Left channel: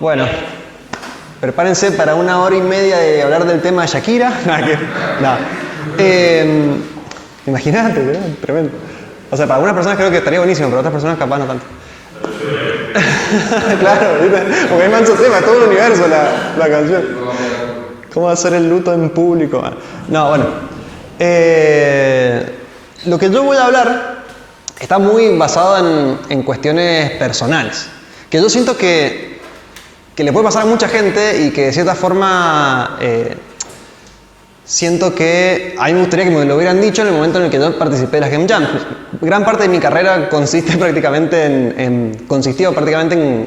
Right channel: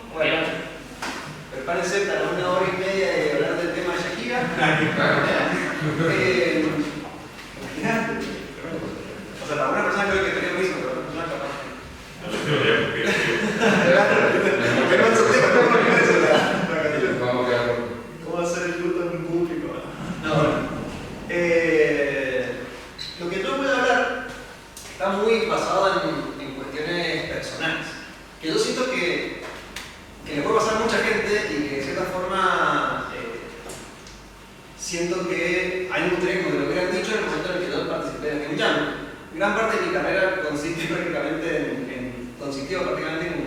Bueno, prepárense para 1 hora y media de hablar del tema de Shakira. Imagínate, tremendo. O sea, para algunas personas creo que estaría buenísimo, pero otras personas capaz no tanto. Claro, porque hay manso tema, todo el universo la canción. ¿Cómo hacer el luto en público? No, bueno. Lo que yo voy a hablar está muy basado en cuestiones personales. Que yo siento que le puede pasar a mucha gente y que de cierta forma siento que a mí me gustaría que me lo hubieran dicho en el momento en el que yo participé de las Game Jams. Gran parte de mi carrera consistió prácticamente en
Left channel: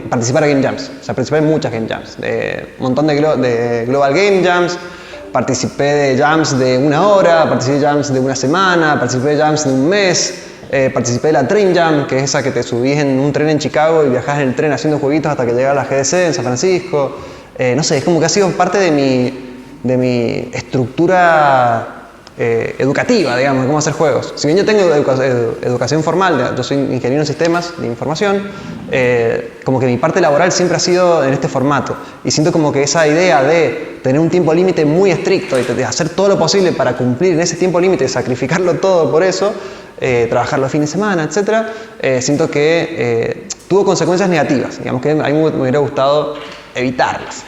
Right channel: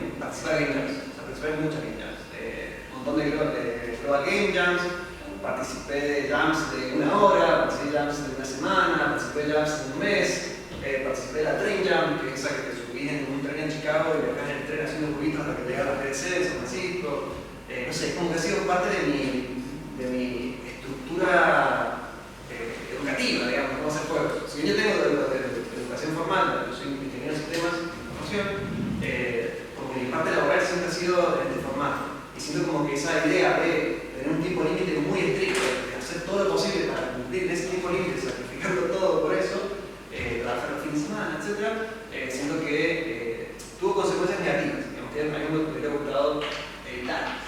participar en Game Jams. O sea, participé en muchas Game Jams. Un montón de Global Game Jams. Participé de Jams de 1 hora, participé de Jams de 1 semana, participé de Jams de 1 mes. Participé de la Train Jam, que es esa que te subís en un tren en Chicago y viajás en el tren haciendo jueguitos hasta que llegas a la GDC en San Francisco. No sé, es como que ha sido parte de mi estructura educativa, digamos, de cómo hacer juegos. Si bien yo tengo educación formal, yo soy ingeniero en sistemas de información, como que mi parte laboral siempre ha sido en este formato. Y siento como que esa idea de tener un tiempo límite muy estricto y de hacer todo lo posible para cumplir en ese tiempo límite, sacrificarlo todo por eso, trabajar los fines de semana, etc., siento que tuvo consecuencias negativas, digamos que a mí me hubiera gustado evitarlas.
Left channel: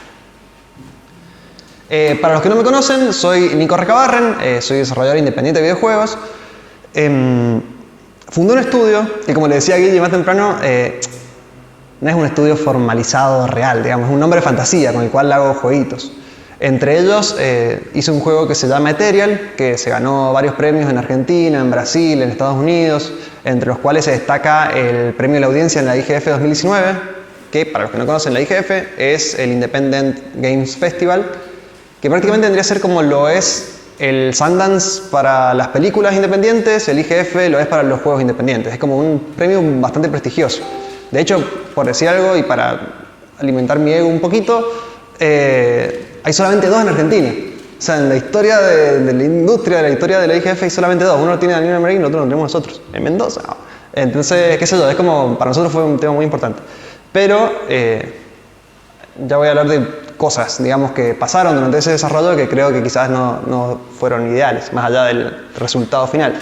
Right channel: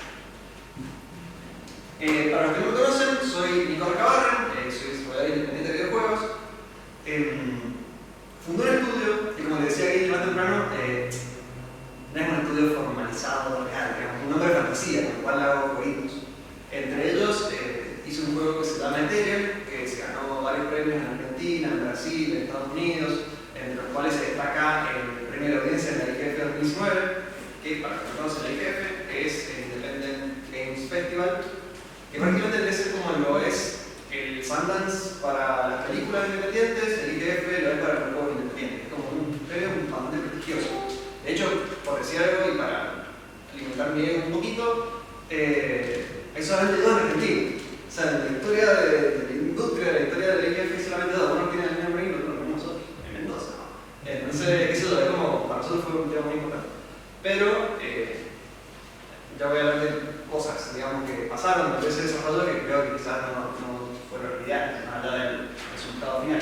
Para los que no me conocen, soy Nico Recabarren, soy desarrollador independiente de videojuegos. Fundé un estudio que, como le decía a Guille más temprano, no es un estudio formalizado real, digamos, es un nombre de fantasía con el cual hago jueguitos. Entre ellos hice un juego que se llama Ethereal, que se ganó varios premios en Argentina, en Brasil, en Estados Unidos, entre los cuales se destaca el premio de la audiencia en la IGF 2019, que para los que no conocen la IGF es el Independent Games Festival, que prácticamente tendría que ser como lo es el Sundance para las películas independientes, el IGF lo es para los juegos independientes. Es como un premio bastante prestigioso. De hecho, por decir algo y para alimentar mi ego un poquito, hay solamente 2 en Argentina. O sea, en la historia de la industria, de la historia de la IGF hay solamente 2. Uno lo tiene Daniel Marín y el otro lo tenemos nosotros, en Mendoza. Entonces, qué sé yo, es como, para nosotros fue un tema muy importante. Pero ya voy a hablar de cosas, digamos, que pasaron durante ese desarrollo que creo que quizás no fueron ideales, más allá del resultado final.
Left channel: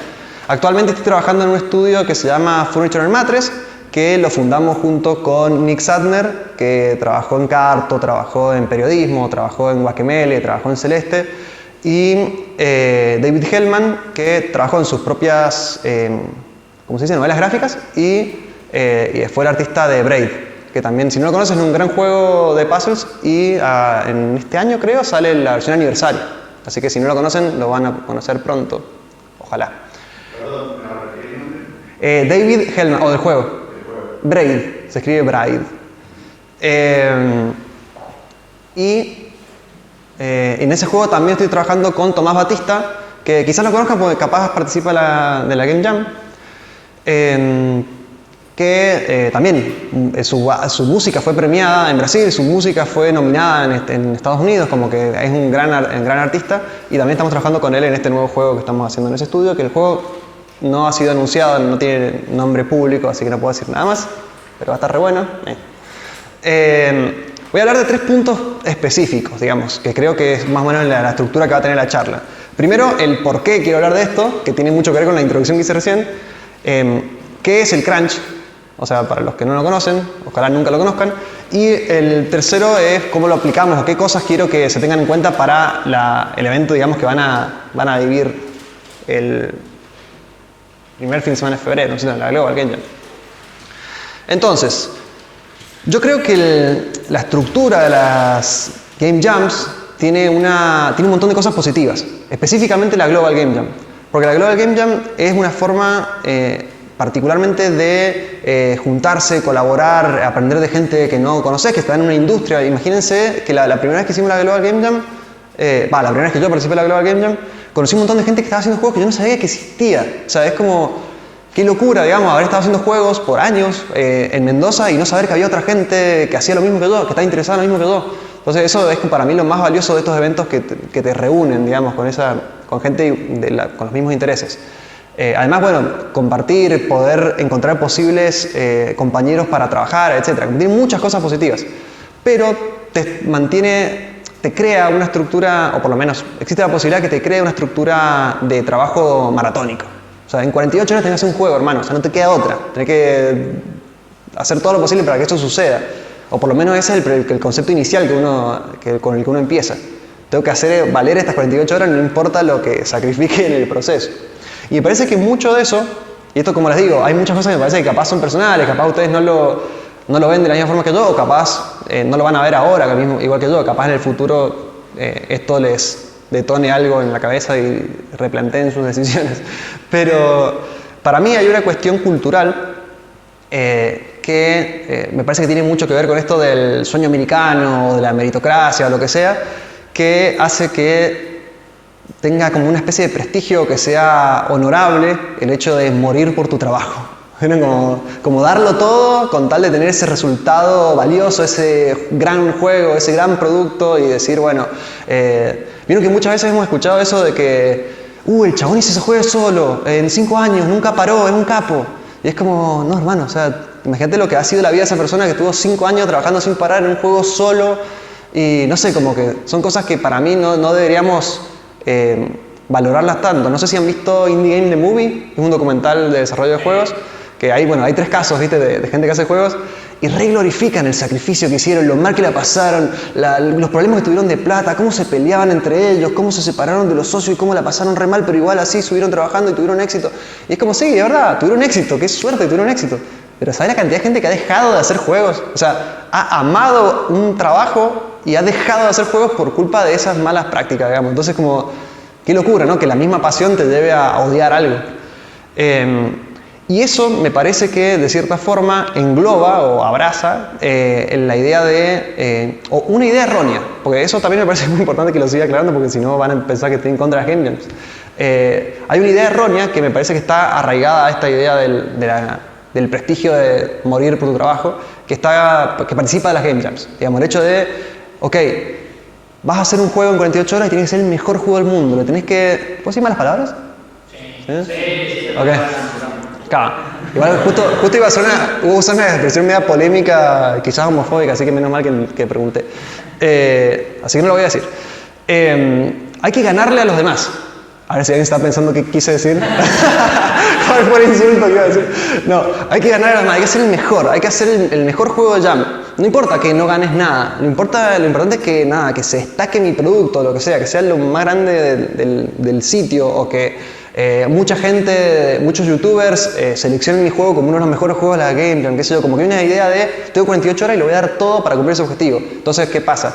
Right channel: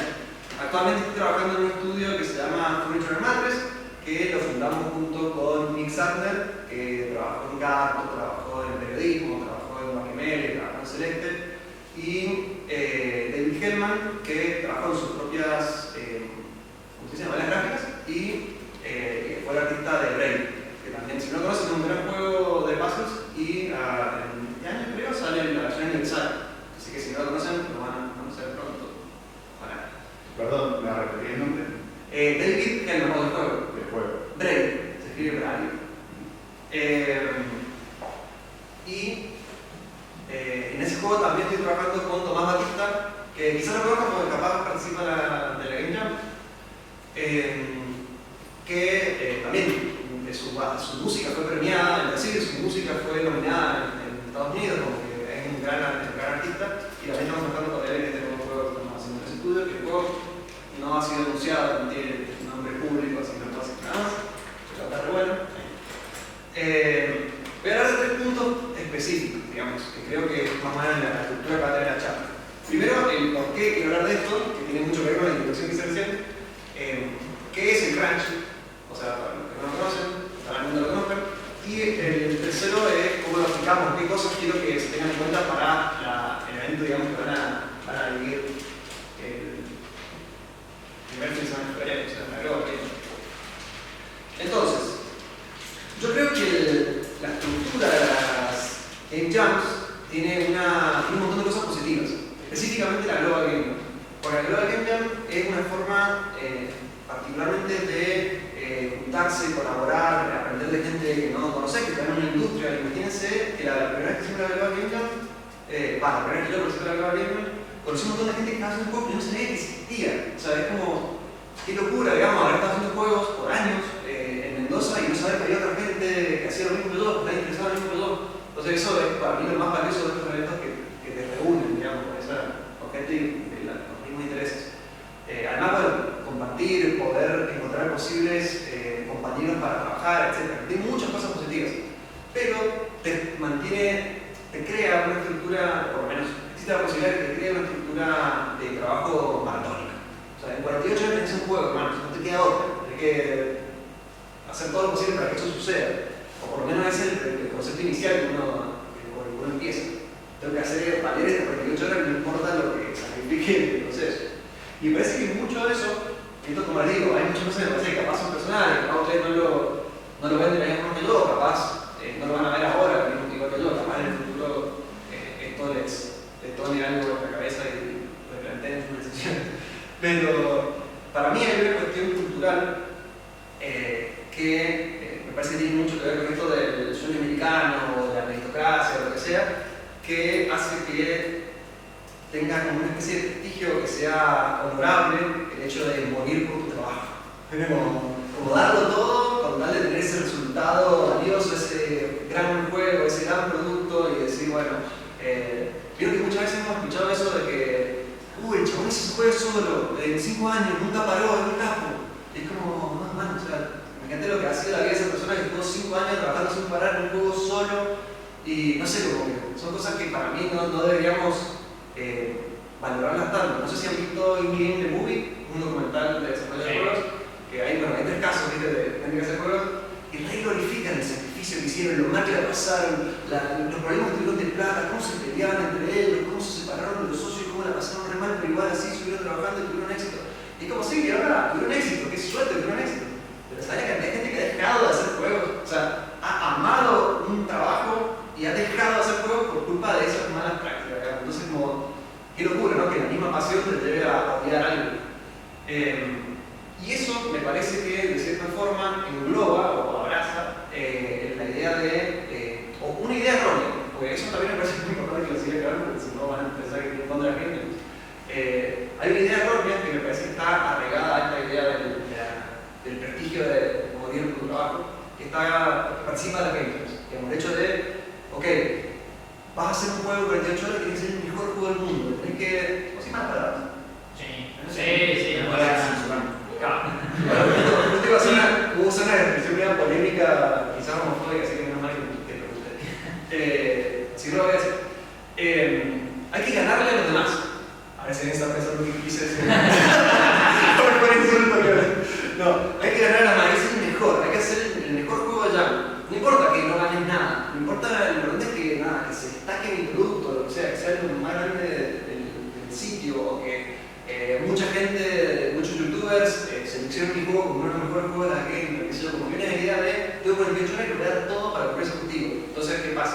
Actualmente estoy trabajando en un estudio que se llama Furniture and Mattress, que lo fundamos junto con Nick Sadner, que trabajó en Carto, trabajó en periodismo, trabajó en Guacamele, trabajó en Celeste, y David Hellman, que trabajó en sus propias, ¿cómo se dice?, novelas gráficas, y fue el artista de Braid, que también, si no lo conoces, es un gran juego de puzzles, y en este año, creo, sale la versión aniversario. Así que si no lo conocen, lo van a conocer pronto. Ojalá. Perdón, ¿me repetiré el nombre? David Hellman, o del juego. Braid, se escribe Braid. En ese juego también estoy trabajando con Tomás Batista, que quizás lo conozcan porque capaz participa de la Game Jam. Que también su música fue premiada en Brasil, su música fue nominada en Estados Unidos, como que es un gran artista, y también estamos trabajando con él en este nuevo juego que estamos haciendo en ese estudio, que el juego no ha sido anunciado, no tiene nombre público, así que no puedo decir nada más, pero va a estar re bueno. Voy a hablar de 3 puntos específicos, digamos, que creo que es más o menos la estructura que va a tener la charla. Primero, el por qué quiero hablar de esto, que tiene mucho que ver con la introducción que hice recién. ¿Qué es el crunch? O sea, para los que no lo conocen, ojalá nunca lo conozcan. Y el tercero es cómo lo aplicamos, o qué cosas quiero que se tengan en cuenta para el evento, digamos, que van a vivir el primer fin de semana de febrero, ¿no? La Global Game Jam. Entonces, yo creo que la estructura de las Game Jams tiene un montón de cosas positivas, específicamente la Global Game Jam. Porque la Global Game Jam es una forma particularmente de juntarse, colaborar, aprender de gente que no conoces, que está en una industria. Imagínense que la primera vez que hicimos la Global Game Jam, la primera vez que yo participé en la Global Game Jam, conocí un montón de gente que estaba haciendo juegos que yo no sabía que existía. O sea, es como, qué locura, digamos, haber estado haciendo juegos por años en Mendoza y no saber que había otra gente que hacía lo mismo que yo, que estaba interesada en lo mismo que yo. Entonces eso es para mí lo más valioso de estos eventos que te reúnen, digamos, con gente con los mismos intereses. Además, bueno, compartir, poder encontrar posibles compañeros para trabajar, etc. Tiene muchas cosas positivas, pero te crea una estructura, o por lo menos existe la posibilidad que te cree una estructura de trabajo maratónico. O sea, en 48 horas tenés que hacer un juego, hermano, o sea, no te queda otra. Tenés que hacer todo lo posible para que esto suceda. O por lo menos ese es el concepto inicial con el que uno empieza. Tengo que hacer valer estas 48 horas, no importa lo que sacrifique en el proceso. Y me parece que mucho de eso, y esto como les digo, hay muchas cosas que me parece que capaz son personales, capaz ustedes no lo ven de la misma forma que yo, o capaz no lo van a ver ahora, igual que yo, capaz en el futuro esto les detone algo en la cabeza y replanteen sus decisiones. Pero para mí hay una cuestión cultural que me parece que tiene mucho que ver con esto del sueño americano, de la meritocracia, o lo que sea, que hace que tenga como una especie de prestigio, que sea honorable el hecho de morir por tu trabajo. Como darlo todo con tal de tener ese resultado valioso, ese gran juego, ese gran producto y decir, bueno, vieron que muchas veces hemos escuchado eso de que el chabón hizo ese juego solo, en 5 años, nunca paró, es un capo. Y es como, no hermano, o sea, imagínate lo que ha sido la vida de esa persona que estuvo 5 años trabajando sin parar en un juego solo y no sé, como que son cosas que para mí no deberíamos valorarlas tanto. No sé si han visto Indie Game The Movie, es un documental de desarrollo de juegos, que hay 3 casos, ¿viste? De gente que hace juegos y re glorifican el sacrificio que hicieron, lo mal que la pasaron, los problemas que tuvieron de plata, cómo se peleaban entre ellos, cómo se separaron de los socios y cómo la pasaron re mal, pero igual así subieron trabajando y tuvieron éxito. Y es como, sí, de verdad, tuvieron éxito, qué suerte, tuvieron éxito. Pero ¿sabes la cantidad de gente que ha dejado de hacer juegos? O sea, ha amado un trabajo y ha dejado de hacer juegos por culpa de esas malas prácticas, digamos. Entonces, como, qué locura, ¿no? Que la misma pasión te lleve a odiar algo. Y eso me parece que de cierta forma engloba o abraza la idea de, o una idea errónea, porque eso también me parece muy importante que lo siga aclarando, porque si no van a pensar que estoy en contra de las game jams. Hay una idea errónea que me parece que está arraigada a esta idea del prestigio de morir por tu trabajo, que participa de las game jams. Digamos, el hecho de, ok, vas a hacer un juego en 48 horas y tienes que ser el mejor juego del mundo, lo tenés que... ¿Puedo decir malas palabras? Sí. Ok. Claro. Igual justo iba a usar una expresión media polémica, quizás homofóbica, así que menos mal que pregunté. Así que no lo voy a decir. Hay que ganarle a los demás. A ver si alguien está pensando qué quise decir. ¿Cuál fue el insulto que iba a decir? No, hay que ganarle a los demás, hay que ser el mejor, hay que hacer el mejor juego de Jam. No importa que no ganes nada, lo importante es que se destaque mi producto, lo que sea lo más grande del sitio, o que muchos youtubers seleccionan mi juego como uno de los mejores juegos de la Game Jam, qué sé yo, como que hay una idea de tengo 48 horas y lo voy a dar todo para cumplir ese objetivo. Entonces, ¿qué pasa?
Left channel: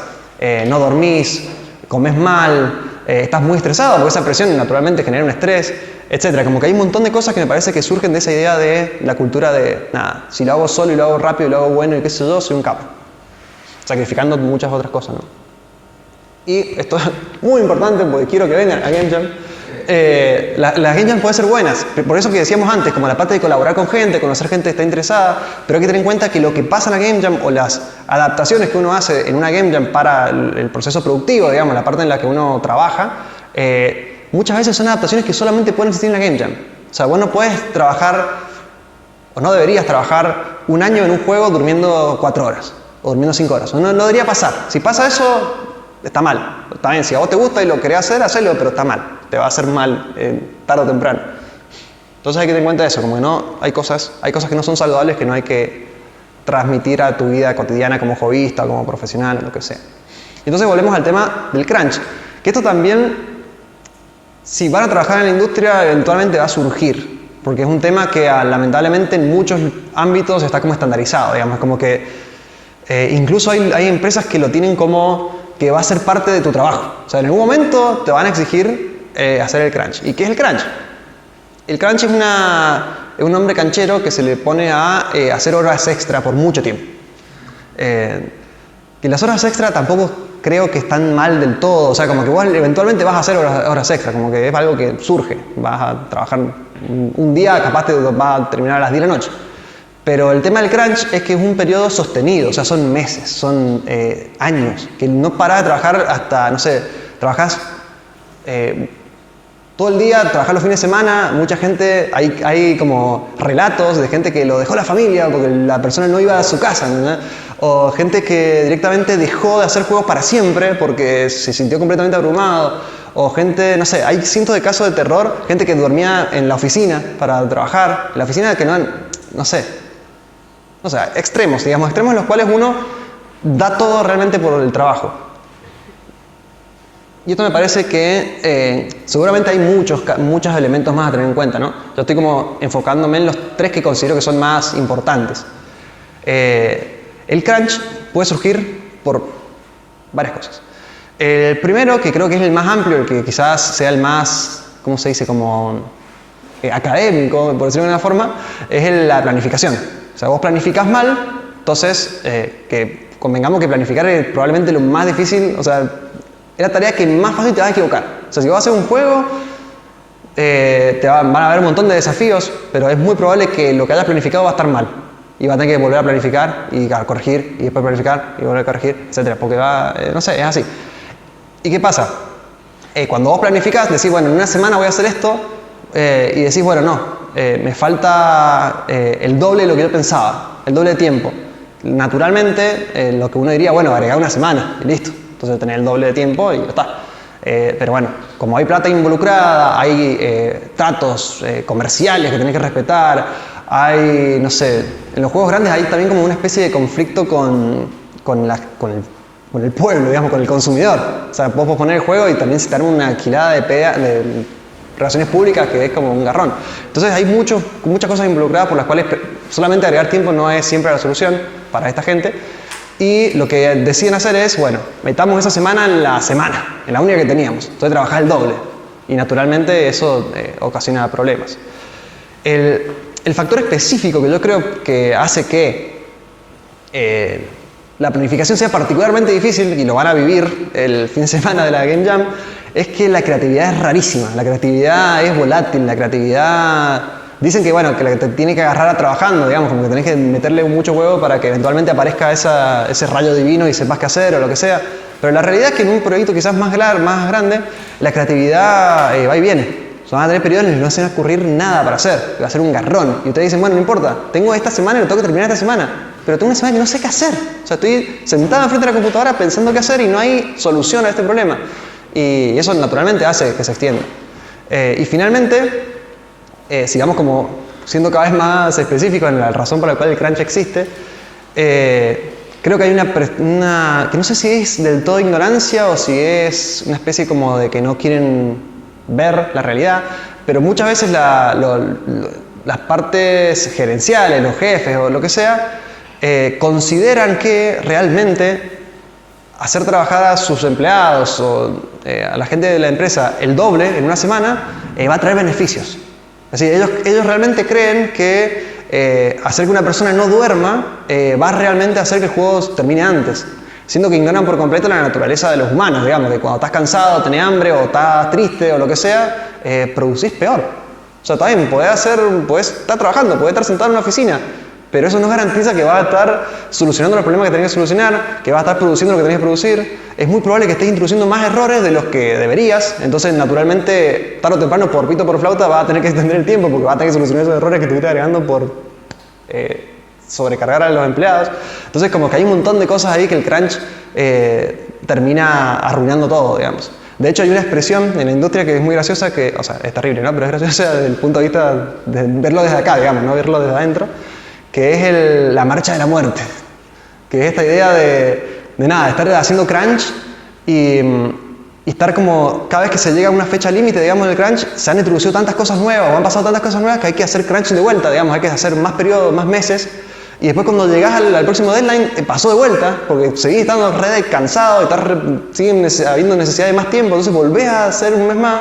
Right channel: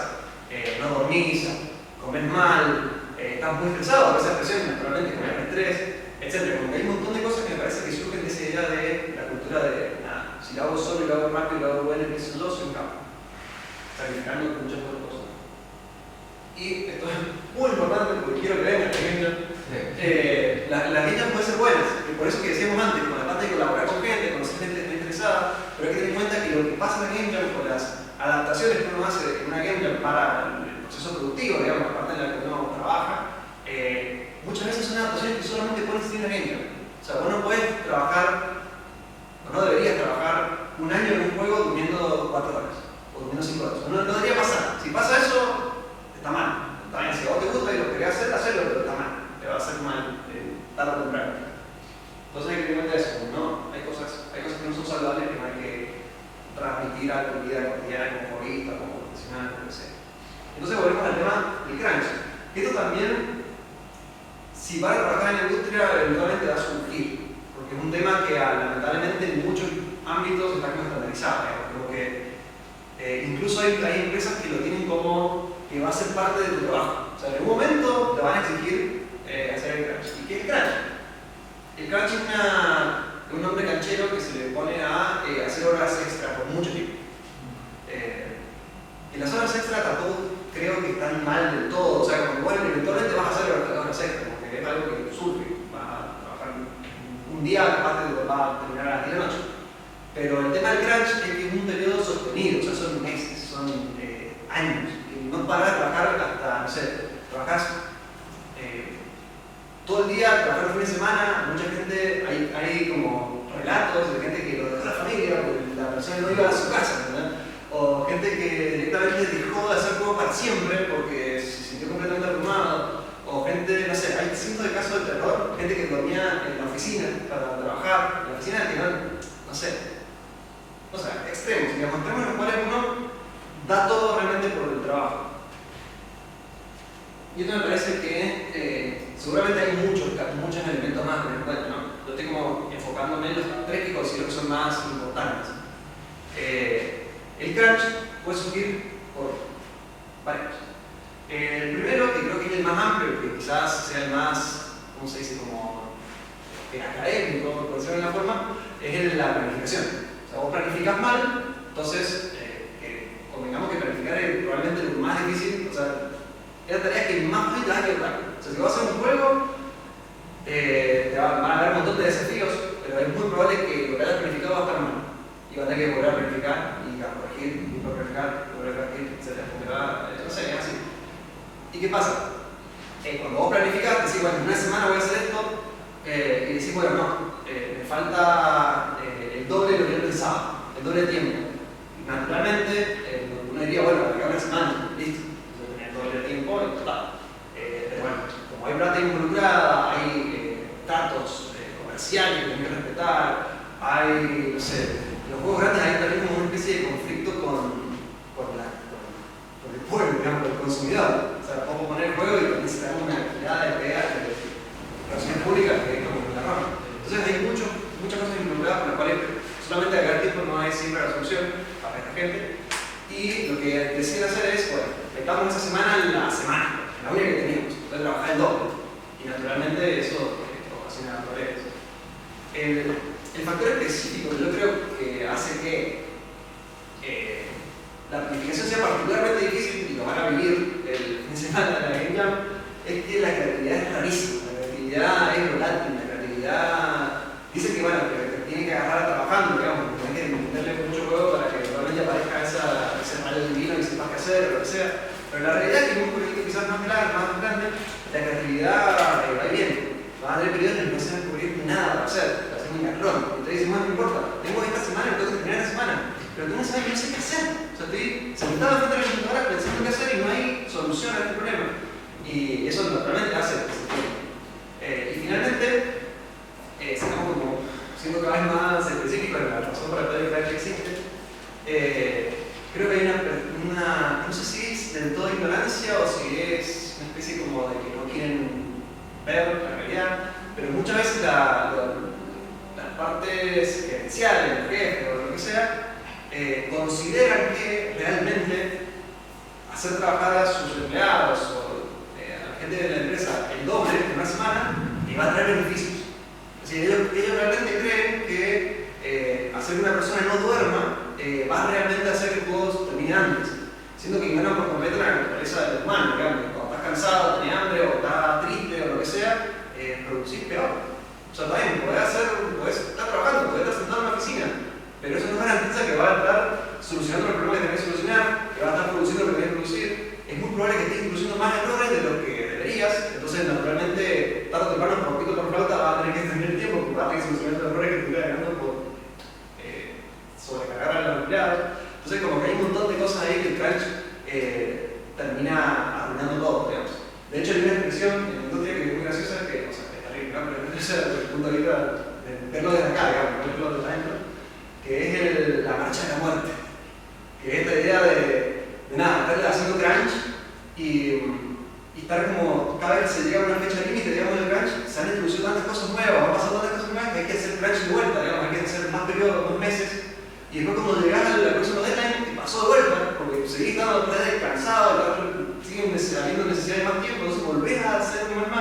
No dormís, comes mal, estás muy estresado porque esa presión naturalmente genera un estrés, etc. Como que hay un montón de cosas que me parece que surgen de esa idea de la cultura de nada, si lo hago solo y lo hago rápido y lo hago bueno y qué sé yo, soy un capo, sacrificando muchas otras cosas, ¿no? Y esto es muy importante porque quiero que vengan a Game Jam. Las Game Jam pueden ser buenas, por eso que decíamos antes, como la parte de colaborar con gente, conocer gente que está interesada, pero hay que tener en cuenta que lo que pasa en la Game Jam o las adaptaciones que uno hace en una Game Jam para el proceso productivo, digamos, la parte en la que uno trabaja, muchas veces son adaptaciones que solamente pueden existir en la Game Jam. O sea, vos no puedes trabajar, o no deberías trabajar un año en un juego durmiendo 4 horas, o durmiendo 5 horas. No debería pasar. Si pasa eso, está mal. Está bien, si a vos te gusta y lo querés hacer, hacelo, pero está mal. Te va a hacer mal tarde o temprano. Entonces hay que tener en cuenta eso, como que no, hay cosas que no son saludables que no hay que transmitir a tu vida cotidiana como hobbyista, como profesional, lo que sea. Entonces volvemos al tema del crunch. Que esto también, si van a trabajar en la industria, eventualmente va a surgir. Porque es un tema que lamentablemente en muchos ámbitos está como estandarizado, digamos, como que incluso hay empresas que lo tienen como que va a ser parte de tu trabajo. O sea, en algún momento te van a exigir hacer el crunch. ¿Y qué es el crunch? El crunch es un nombre canchero que se le pone a hacer horas extra por mucho tiempo. Y las horas extra tampoco creo que están mal del todo. O sea, como que igual eventualmente vas a hacer horas extra, como que es algo que surge. Vas a trabajar un día, capaz te vas a terminar a las 10 de la noche. Pero el tema del crunch es que es un periodo sostenido, o sea, son meses, son años, que no parás de trabajar hasta, no sé, trabajás todo el día, trabajar los fines de semana, mucha gente, hay como relatos de gente que lo dejó la familia porque la persona no iba a su casa, ¿no? O gente que directamente dejó de hacer juegos para siempre porque se sintió completamente abrumado, o gente, no sé, hay cientos de casos de terror, gente que dormía en la oficina para trabajar, en la oficina que no sé, extremos, digamos, extremos en los cuales uno da todo realmente por el trabajo. Y esto me parece que seguramente hay muchos elementos más a tener en cuenta, ¿no? Yo estoy como enfocándome en los 3 que considero que son más importantes. El crunch puede surgir por varias cosas. El primero, que creo que es el más amplio, el que quizás sea el más, ¿cómo se dice? Como académico, por decirlo de una forma, es la planificación. O sea, vos planificás mal, entonces, que convengamos que planificar es probablemente lo más difícil, o sea, es la tarea que más fácil te vas a equivocar. O sea, si vas a hacer un juego, van a haber un montón de desafíos, pero es muy probable que lo que hayas planificado va a estar mal. Y vas a tener que volver a planificar y a corregir, y después planificar y volver a corregir, etc. Porque no sé, es así. ¿Y qué pasa? Cuando vos planificás, decís, bueno, en una semana voy a hacer esto, y decís, bueno, no, me falta el doble de lo que yo pensaba, el doble de tiempo. Naturalmente, lo que uno diría, bueno, agregar una semana y listo. Entonces tener el doble de tiempo y ya está. Pero bueno, como hay plata involucrada, hay tratos comerciales que tenés que respetar, hay, no sé, en los juegos grandes hay también como una especie de conflicto con el pueblo, digamos, con el consumidor. O sea, vos podés poner el juego y también se te arma una alquilada de relaciones públicas que es como un garrón. Entonces hay muchas cosas involucradas por las cuales solamente agregar tiempo no es siempre la solución para esta gente. Y lo que deciden hacer es, bueno, metamos esa semana en la única que teníamos. Entonces trabajar el doble. Y naturalmente eso ocasiona problemas. El factor específico que yo creo que hace que la planificación sea particularmente difícil, y lo van a vivir el fin de semana de la Game Jam, es que la creatividad es rarísima. La creatividad es volátil, la creatividad... Dicen que, bueno, que te tiene que agarrar trabajando, digamos, como que tenés que meterle mucho huevo para que eventualmente aparezca ese rayo divino y sepas qué hacer o lo que sea. Pero la realidad es que en un proyecto quizás más grande, la creatividad va y viene. O sea, van a tener periodos en los que no se va a ocurrir nada para hacer, va a ser un garrón. Y ustedes dicen, bueno, no importa, tengo esta semana y lo tengo que terminar esta semana. Pero tengo una semana que no sé qué hacer. O sea, estoy sentado frente a la computadora pensando qué hacer y no hay solución a este problema. Y eso naturalmente hace que se extienda. Y finalmente... sigamos como siendo cada vez más específicos en la razón por la cual el crunch existe, creo que hay que no sé si es del todo ignorancia o si es una especie como de que no quieren ver la realidad, pero muchas veces las partes gerenciales, los jefes o lo que sea, consideran que realmente hacer trabajar a sus empleados o a la gente de la empresa el doble en una semana va a traer beneficios. Así, ellos realmente creen que hacer que una persona no duerma va realmente a hacer que el juego termine antes, siendo que ignoran por completo la naturaleza de los humanos, digamos, que cuando estás cansado, tenés hambre o estás triste o lo que sea, producís peor. O sea, está bien, podés estar trabajando, podés estar sentado en una oficina, pero eso no garantiza que vas a estar solucionando los problemas que tenés que solucionar, que vas a estar produciendo lo que tenés que producir. Es muy probable que estés introduciendo más errores de los que deberías, entonces naturalmente, tarde o temprano, por pito o por flauta, vas a tener que extender el tiempo porque vas a tener que solucionar esos errores que estuviste agregando por sobrecargar a los empleados. Entonces como que hay un montón de cosas ahí que el crunch termina arruinando todo, digamos. De hecho hay una expresión en la industria que es muy graciosa, o sea, es terrible, ¿no? Pero es graciosa desde el punto de vista de verlo desde acá, digamos, no verlo desde adentro, que es la marcha de la muerte, que es esta idea de estar haciendo crunch y estar como, cada vez que se llega a una fecha límite, digamos, del crunch, se han introducido tantas cosas nuevas, o han pasado tantas cosas nuevas que hay que hacer crunch de vuelta, digamos, hay que hacer más periodos, más meses, y después cuando llegás al próximo deadline, pasó de vuelta, porque seguís estando cansado, siguen habiendo necesidad de más tiempo, entonces volvés a hacer un mes más,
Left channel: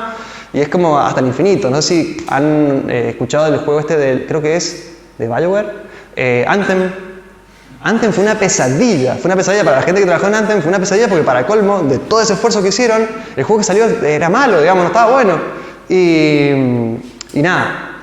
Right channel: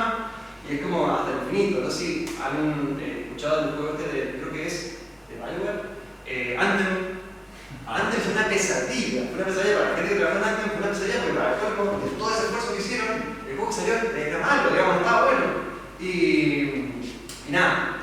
y es como hasta el infinito. No sé si han escuchado el juego creo que es de BioWare, Anthem fue una pesadilla para la gente que trabajó en Anthem, fue una pesadilla porque para colmo de todo ese esfuerzo que hicieron, el juego que salió era malo, digamos, no estaba bueno. Y nada,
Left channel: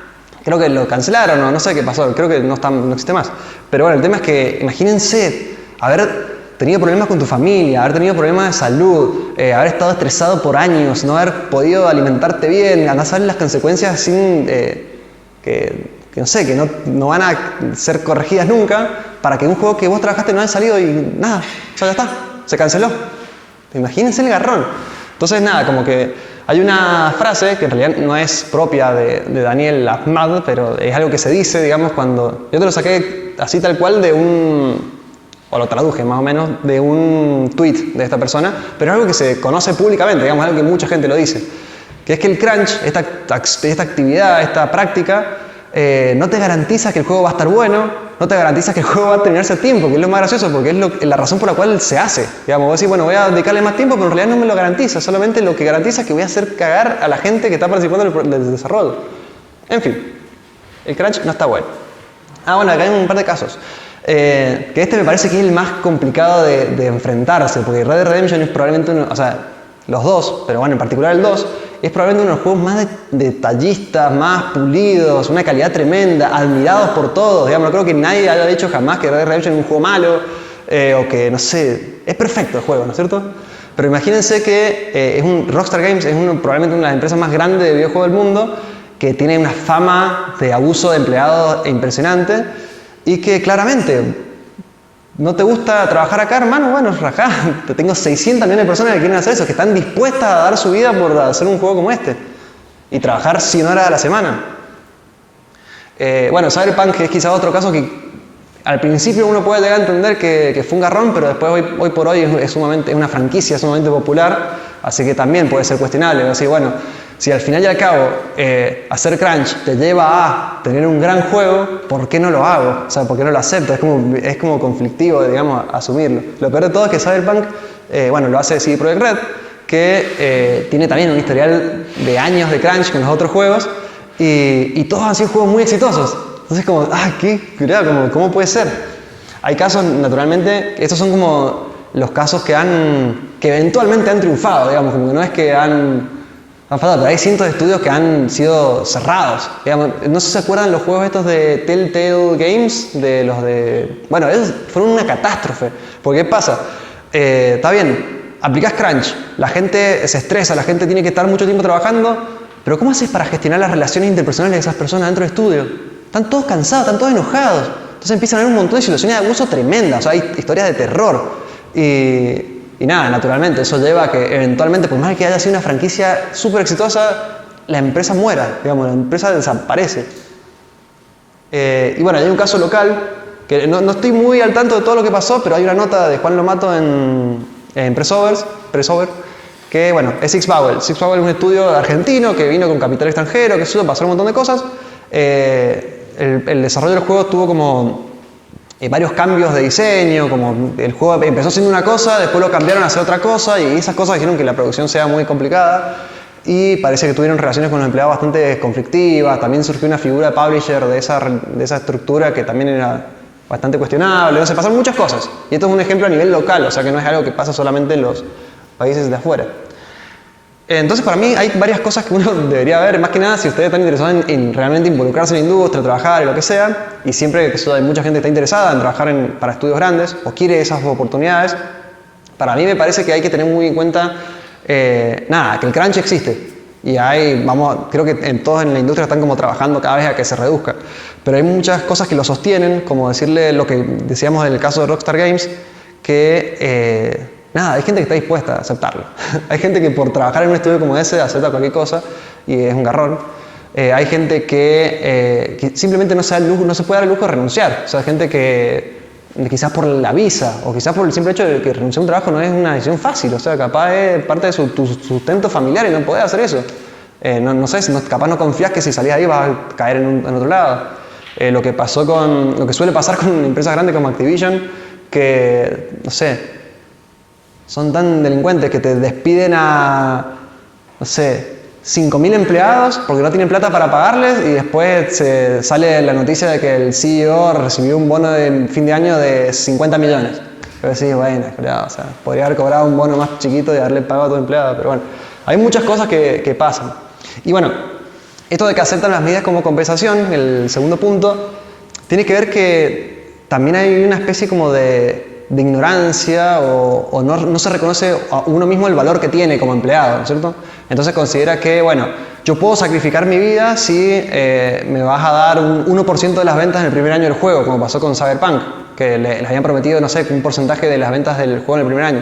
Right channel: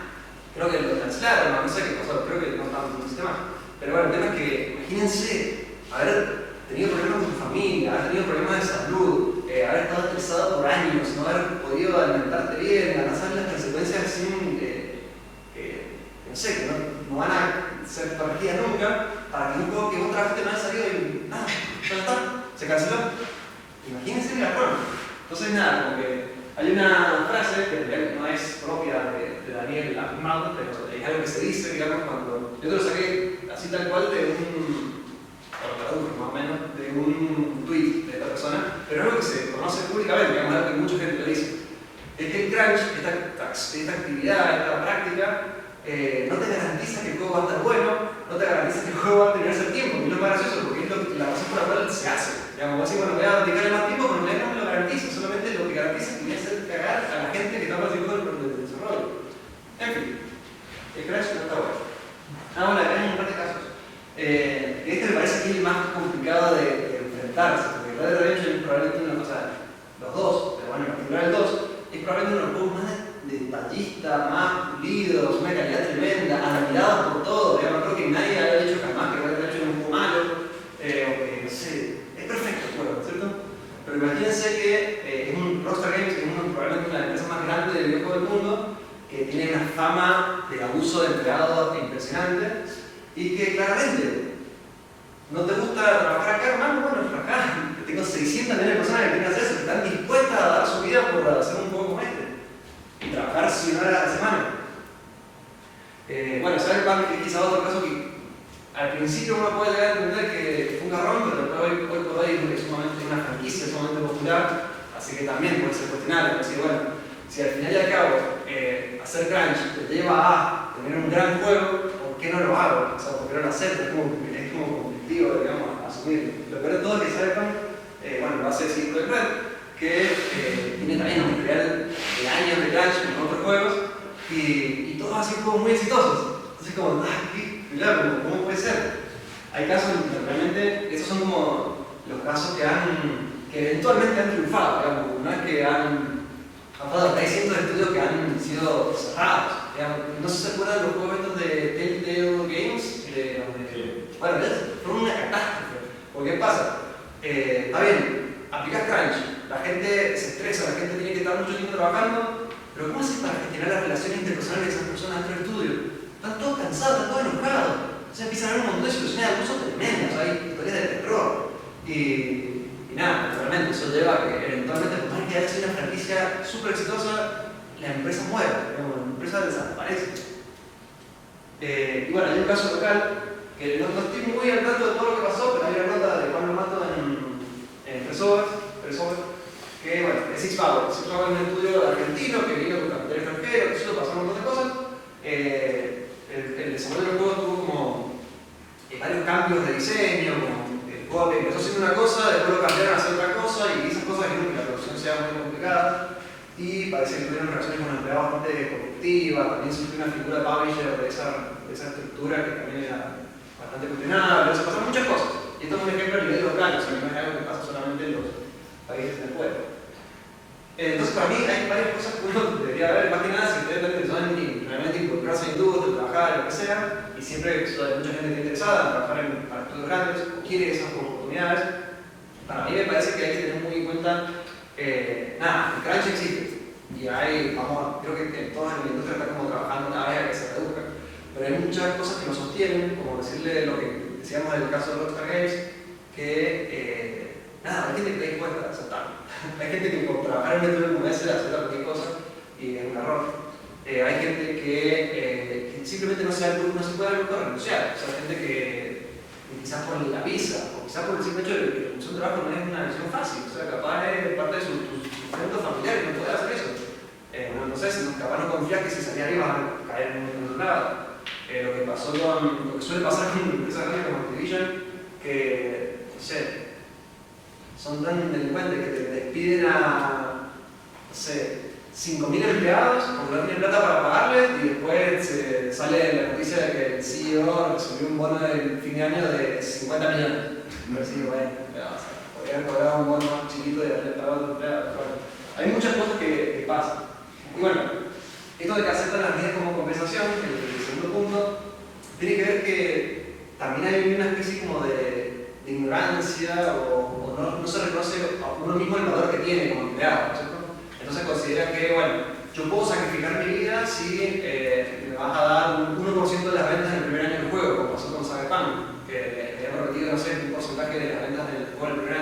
creo que lo cancelaron, no sé qué pasó, creo que no existe más. Pero bueno, el tema es que imagínense haber tenido problemas con tu familia, haber tenido problemas de salud, haber estado estresado por años, no haber podido alimentarte bien, andar a saber las consecuencias sin que no sé, que no van a ser corregidas nunca, para que un juego que vos trabajaste no haya salido y nada, o sea, ya está, se canceló. Imagínense el garrón. Entonces nada, como que hay una frase que en realidad no es propia de Daniel Ahmad, pero es algo que se dice, digamos, cuando... Yo te lo saqué así tal cual de o lo traduje más o menos, de un tweet de esta persona, pero es algo que se conoce públicamente, digamos, algo que mucha gente lo dice, que es que el crunch, esta actividad, esta práctica, no te garantiza que el juego va a estar bueno, no te garantiza que el juego va a terminarse a tiempo, que es lo más gracioso, porque es la razón por la cual se hace. Digamos, vos decís, bueno, voy a dedicarle más tiempo, pero en realidad no me lo garantiza, solamente lo que garantiza es que voy a hacer cagar a la gente que está participando del desarrollo. En fin, el crunch no está bueno. Bueno, acá hay un par de casos. Que este me parece que es el más complicado de enfrentarse, porque Red Dead Redemption es probablemente uno, o sea, los dos, pero bueno, en particular el 2, es probablemente uno de los juegos más detallistas, más pulidos, una calidad tremenda, admirados por todos. Digamos, no creo que nadie haya dicho jamás que Red Dead Redemption es un juego malo, o que, no sé, es perfecto el juego, ¿no es cierto? Pero imagínense que Rockstar Games es probablemente una de las empresas más grandes de videojuegos del mundo, que tiene una fama de abuso de empleados impresionante, y que claramente... ¿No te gusta trabajar acá, hermano? Bueno, rajá. Te tengo 600 millones de personas que quieren hacer eso, que están dispuestas a dar su vida por hacer un juego como este. Y trabajar 100 horas a la semana. Bueno, Cyberpunk es quizá otro caso que al principio uno puede llegar a entender que fue un garrón, pero después hoy por hoy es una franquicia sumamente popular, así que también puede ser cuestionable. Así, bueno, si al final y al cabo hacer crunch te lleva a tener un gran juego, ¿por qué no lo hago? O sea, ¿por qué no lo acepto? Es como conflictivo, digamos, asumirlo. Lo peor de todo es que Cyberpunk, bueno, lo hace CD Projekt Red, que tiene también un historial de años de crunch con los otros juegos, y todos han sido juegos muy exitosos. Entonces como, cuidado, ¿cómo puede ser? Hay casos, naturalmente, estos son como los casos que eventualmente han triunfado, digamos, como que no es que han fallado, pero hay cientos de estudios que han sido cerrados. Digamos, no sé si se acuerdan los juegos estos de Telltale Games, bueno, esos fueron una catástrofe, porque ¿qué pasa? Está bien, aplicás crunch, la gente se estresa, la gente tiene que estar mucho tiempo trabajando, pero ¿cómo haces para gestionar las relaciones interpersonales de esas personas dentro del estudio? Están todos cansados, están todos enojados. Entonces empiezan a haber un montón de situaciones de abuso tremendas, o sea, hay historias de terror. Y nada, naturalmente, eso lleva a que eventualmente, por más que haya sido una franquicia súper exitosa, la empresa muera, digamos, la empresa desaparece. Y bueno, hay un caso local, que no estoy muy al tanto de todo lo que pasó, pero hay una nota de Juan Lomato en Pressover, que bueno, es Six Bowel. Six Bowel es un estudio argentino que vino con capital extranjero, que eso pasó un montón de cosas. El desarrollo del juego tuvo como varios cambios de diseño, como el juego empezó siendo una cosa, después lo cambiaron a hacer otra cosa, y esas cosas hicieron que la producción sea muy complicada, y parece que tuvieron relaciones con los empleados bastante conflictivas. También surgió una figura de publisher de esa estructura que también era bastante cuestionable. O sea, pasaron muchas cosas, y esto es un ejemplo a nivel local, o sea que no es algo que pasa solamente en los países de afuera. Entonces, para mí hay varias cosas que uno debería ver, más que nada si ustedes están interesados en realmente involucrarse en la industria, trabajar y lo que sea, y siempre que hay mucha gente que está interesada en trabajar para estudios grandes o quiere esas oportunidades. Para mí me parece que hay que tener muy en cuenta, que el crunch existe, y creo que todos en la industria están como trabajando cada vez a que se reduzca, pero hay muchas cosas que lo sostienen, como decirle lo que decíamos en el caso de Rockstar Games, que hay gente que está dispuesta a aceptarlo. Hay gente que por trabajar en un estudio como ese acepta cualquier cosa y es un garrón. Hay gente que simplemente no se puede dar el lujo de renunciar. O sea, gente que quizás por la visa o quizás por el simple hecho de que renunciar a un trabajo no es una decisión fácil. O sea, capaz es parte de tu sustento familiar y no podés hacer eso. No sé, capaz no confías que si salís ahí vas a caer en otro lado. Lo que suele pasar con empresas grandes como Activision, que, no sé, son tan delincuentes que te despiden a, no sé, 5.000 empleados porque no tienen plata para pagarles, y después sale la noticia de que el CEO recibió un bono de fin de año de 50 millones. Pero sí, bueno, o sea, podría haber cobrado un bono más chiquito y haberle pagado a todo empleado, pero bueno, hay muchas cosas que pasan. Y bueno, esto de que aceptan las medidas como compensación, el segundo punto, tiene que ver que también hay una especie como de de ignorancia o no se reconoce a uno mismo el valor que tiene como empleado, ¿no es cierto? Entonces considera que, bueno, yo puedo sacrificar mi vida si me vas a dar un 1% de las ventas en el primer año del juego, como pasó con Cyberpunk, que les habían prometido, no sé, un porcentaje de las ventas del juego en el primer año.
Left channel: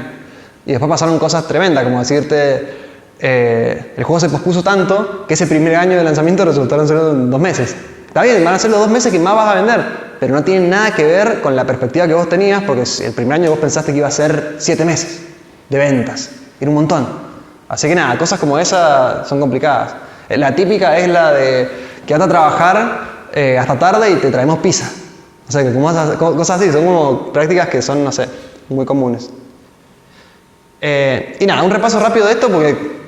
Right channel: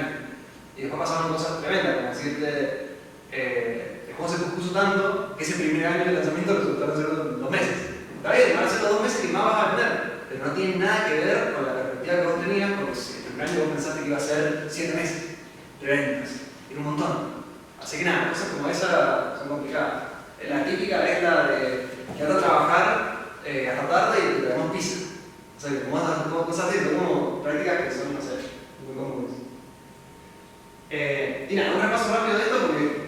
Y después pasaron cosas tremendas, como decirte, el juego se pospuso tanto que ese primer año de lanzamiento resultaron ser 2 meses. Está bien, van a ser los 2 meses que más vas a vender, pero no tiene nada que ver con la perspectiva que vos tenías, porque el primer año vos pensaste que iba a ser 7 meses de ventas. Era un montón. Así que nada, cosas como esas son complicadas. La típica es la de quedate a trabajar hasta tarde y te traemos pizza. O sea, que cosas así, son como prácticas que son, no sé, muy comunes. Y nada, un repaso rápido de esto, porque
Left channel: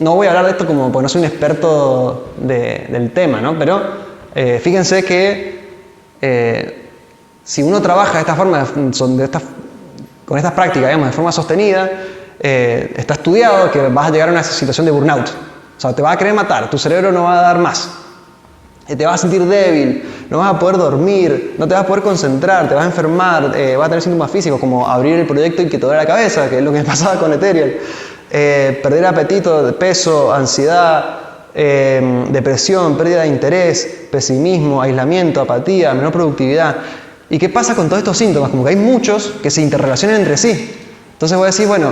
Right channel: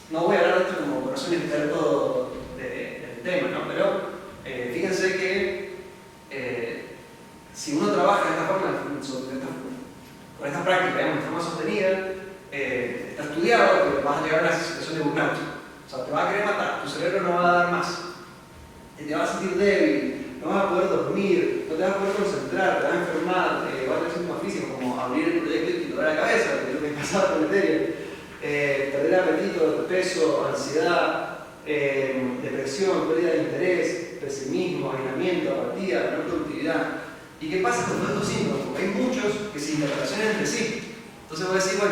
no voy a hablar de esto porque no soy un experto del tema, ¿no? Pero fíjense que si uno trabaja de esta forma, con estas prácticas, digamos, de forma sostenida, está estudiado que vas a llegar a una situación de burnout. O sea, te vas a querer matar, tu cerebro no va a dar más. Te vas a sentir débil, no vas a poder dormir, no te vas a poder concentrar, te vas a enfermar, vas a tener síntomas físicos como abrir el proyecto y que te duele la cabeza, que es lo que me pasaba con Ethereum. Perder apetito, peso, ansiedad, depresión, pérdida de interés, pesimismo, aislamiento, apatía, menor productividad. ¿Y qué pasa con todos estos síntomas? Como que hay muchos que se interrelacionan entre sí. Entonces voy a decir, bueno,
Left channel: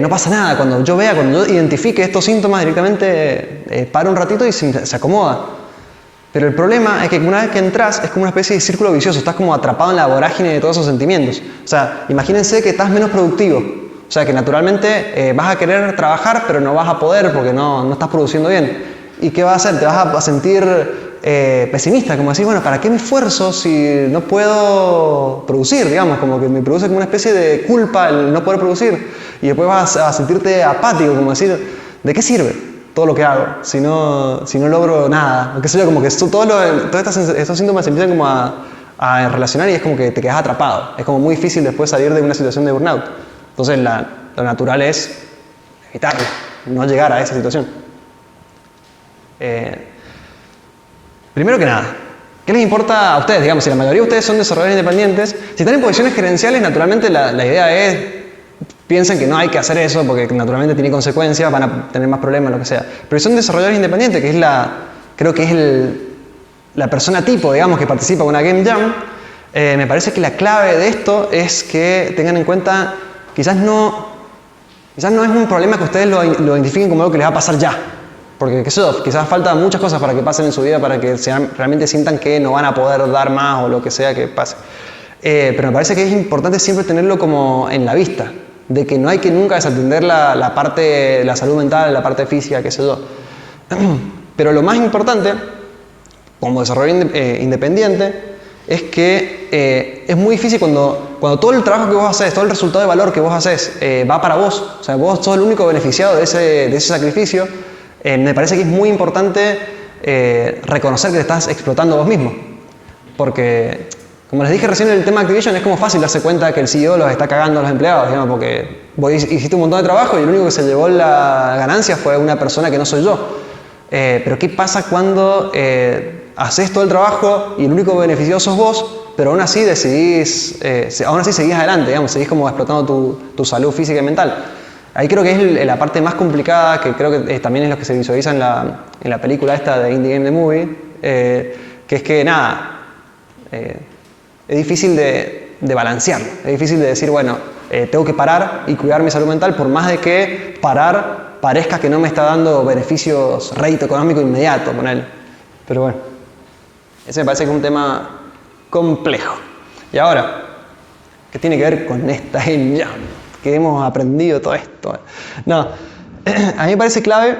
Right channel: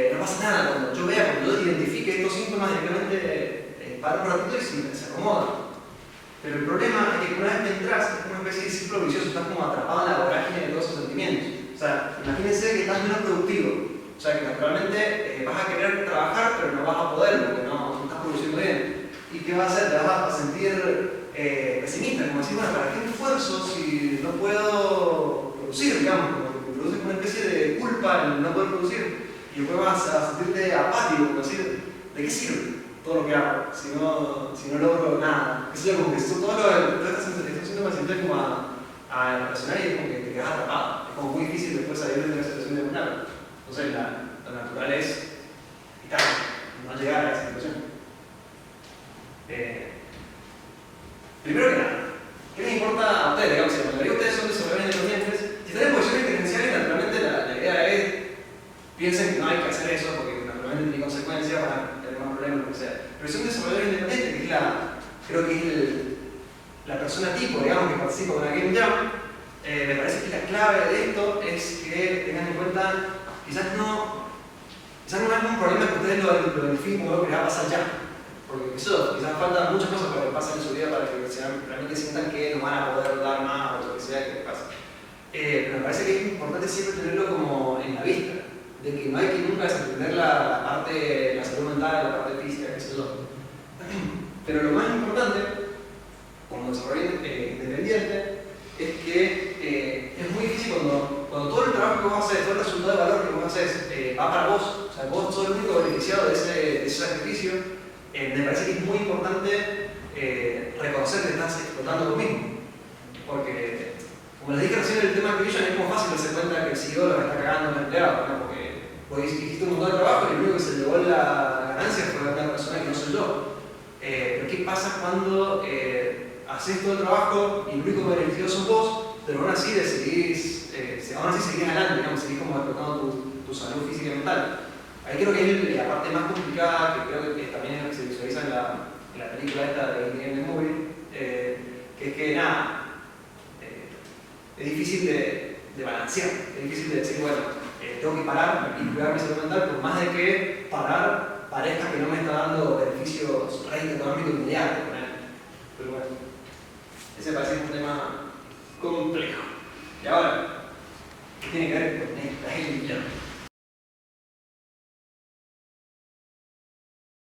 no pasa nada. Cuando yo identifique estos síntomas directamente, paro un ratito y se acomoda. Pero el problema es que una vez que entras es como una especie de círculo vicioso, estás como atrapado en la vorágine de todos esos sentimientos. O sea, imagínense que estás menos productivo, o sea, que naturalmente vas a querer trabajar pero no vas a poder porque no estás produciendo bien. ¿Y qué vas a hacer? Te vas a sentir pesimista, como decir, bueno, ¿para qué me esfuerzo si no puedo producir? Digamos, como que me produce como una especie de culpa el no poder producir. Y después vas a sentirte apático, como decir, ¿de qué sirve todo lo que hago si no logro nada? Qué sé yo, como que todos estos síntomas se empiezan como a relacionar y es como que te quedas atrapado. Es como muy difícil después salir de una situación de burnout. Entonces lo natural es evitarlo, no llegar a esa situación. Primero que nada, ¿qué les importa a ustedes? Digamos, si la mayoría de ustedes son desarrolladores independientes, si están en posiciones gerenciales, naturalmente la idea es, piensen que no hay que hacer eso porque naturalmente tiene consecuencias, van a tener más problemas, lo que sea. Pero si son desarrolladores independientes, que es creo que es la persona tipo, digamos, que participa en una Game Jam, me parece que la clave de esto es que tengan en cuenta, quizás no es un problema que ustedes lo identifiquen como algo que les va a pasar ya. Porque quizás faltan muchas cosas para que pasen en su vida para que realmente sientan que no van a poder dar más o lo que sea que pase. Pero me parece que es importante siempre tenerlo como en la vista, de que no hay que nunca desatender la parte de la salud mental, la parte física, qué sé yo. Pero lo más importante, como desarrollador independiente, es que es muy difícil cuando todo el trabajo que vos haces, todo el resultado de valor que vos haces va para vos, o sea, vos sos el único beneficiado de ese sacrificio. Me parece que es muy importante reconocer que te estás explotando vos mismo. Porque, como les dije recién en el tema Activision, es como fácil darse cuenta que el CEO los está cagando a los empleados, digamos, porque vos hiciste un montón de trabajo y el único que se llevó la ganancia fue una persona que no soy yo. Pero ¿qué pasa cuando haces todo el trabajo y el único beneficiado sos vos, pero aún así seguís adelante, digamos, seguís como explotando tu salud física y mental? Ahí creo que es la parte más complicada, que creo que también es lo que se visualiza en la película esta de Indie Game The Movie, que es que nada, es difícil de balancear, es difícil de decir, bueno, tengo que parar y cuidar mi salud mental, por más de que parar parezca que no me está dando beneficios, rédito económico inmediato con él. Pero bueno, ese me parece que es un tema complejo. Y ahora, ¿qué tiene que ver con esta Game Jam? Que hemos aprendido todo esto. No, a mí me parece clave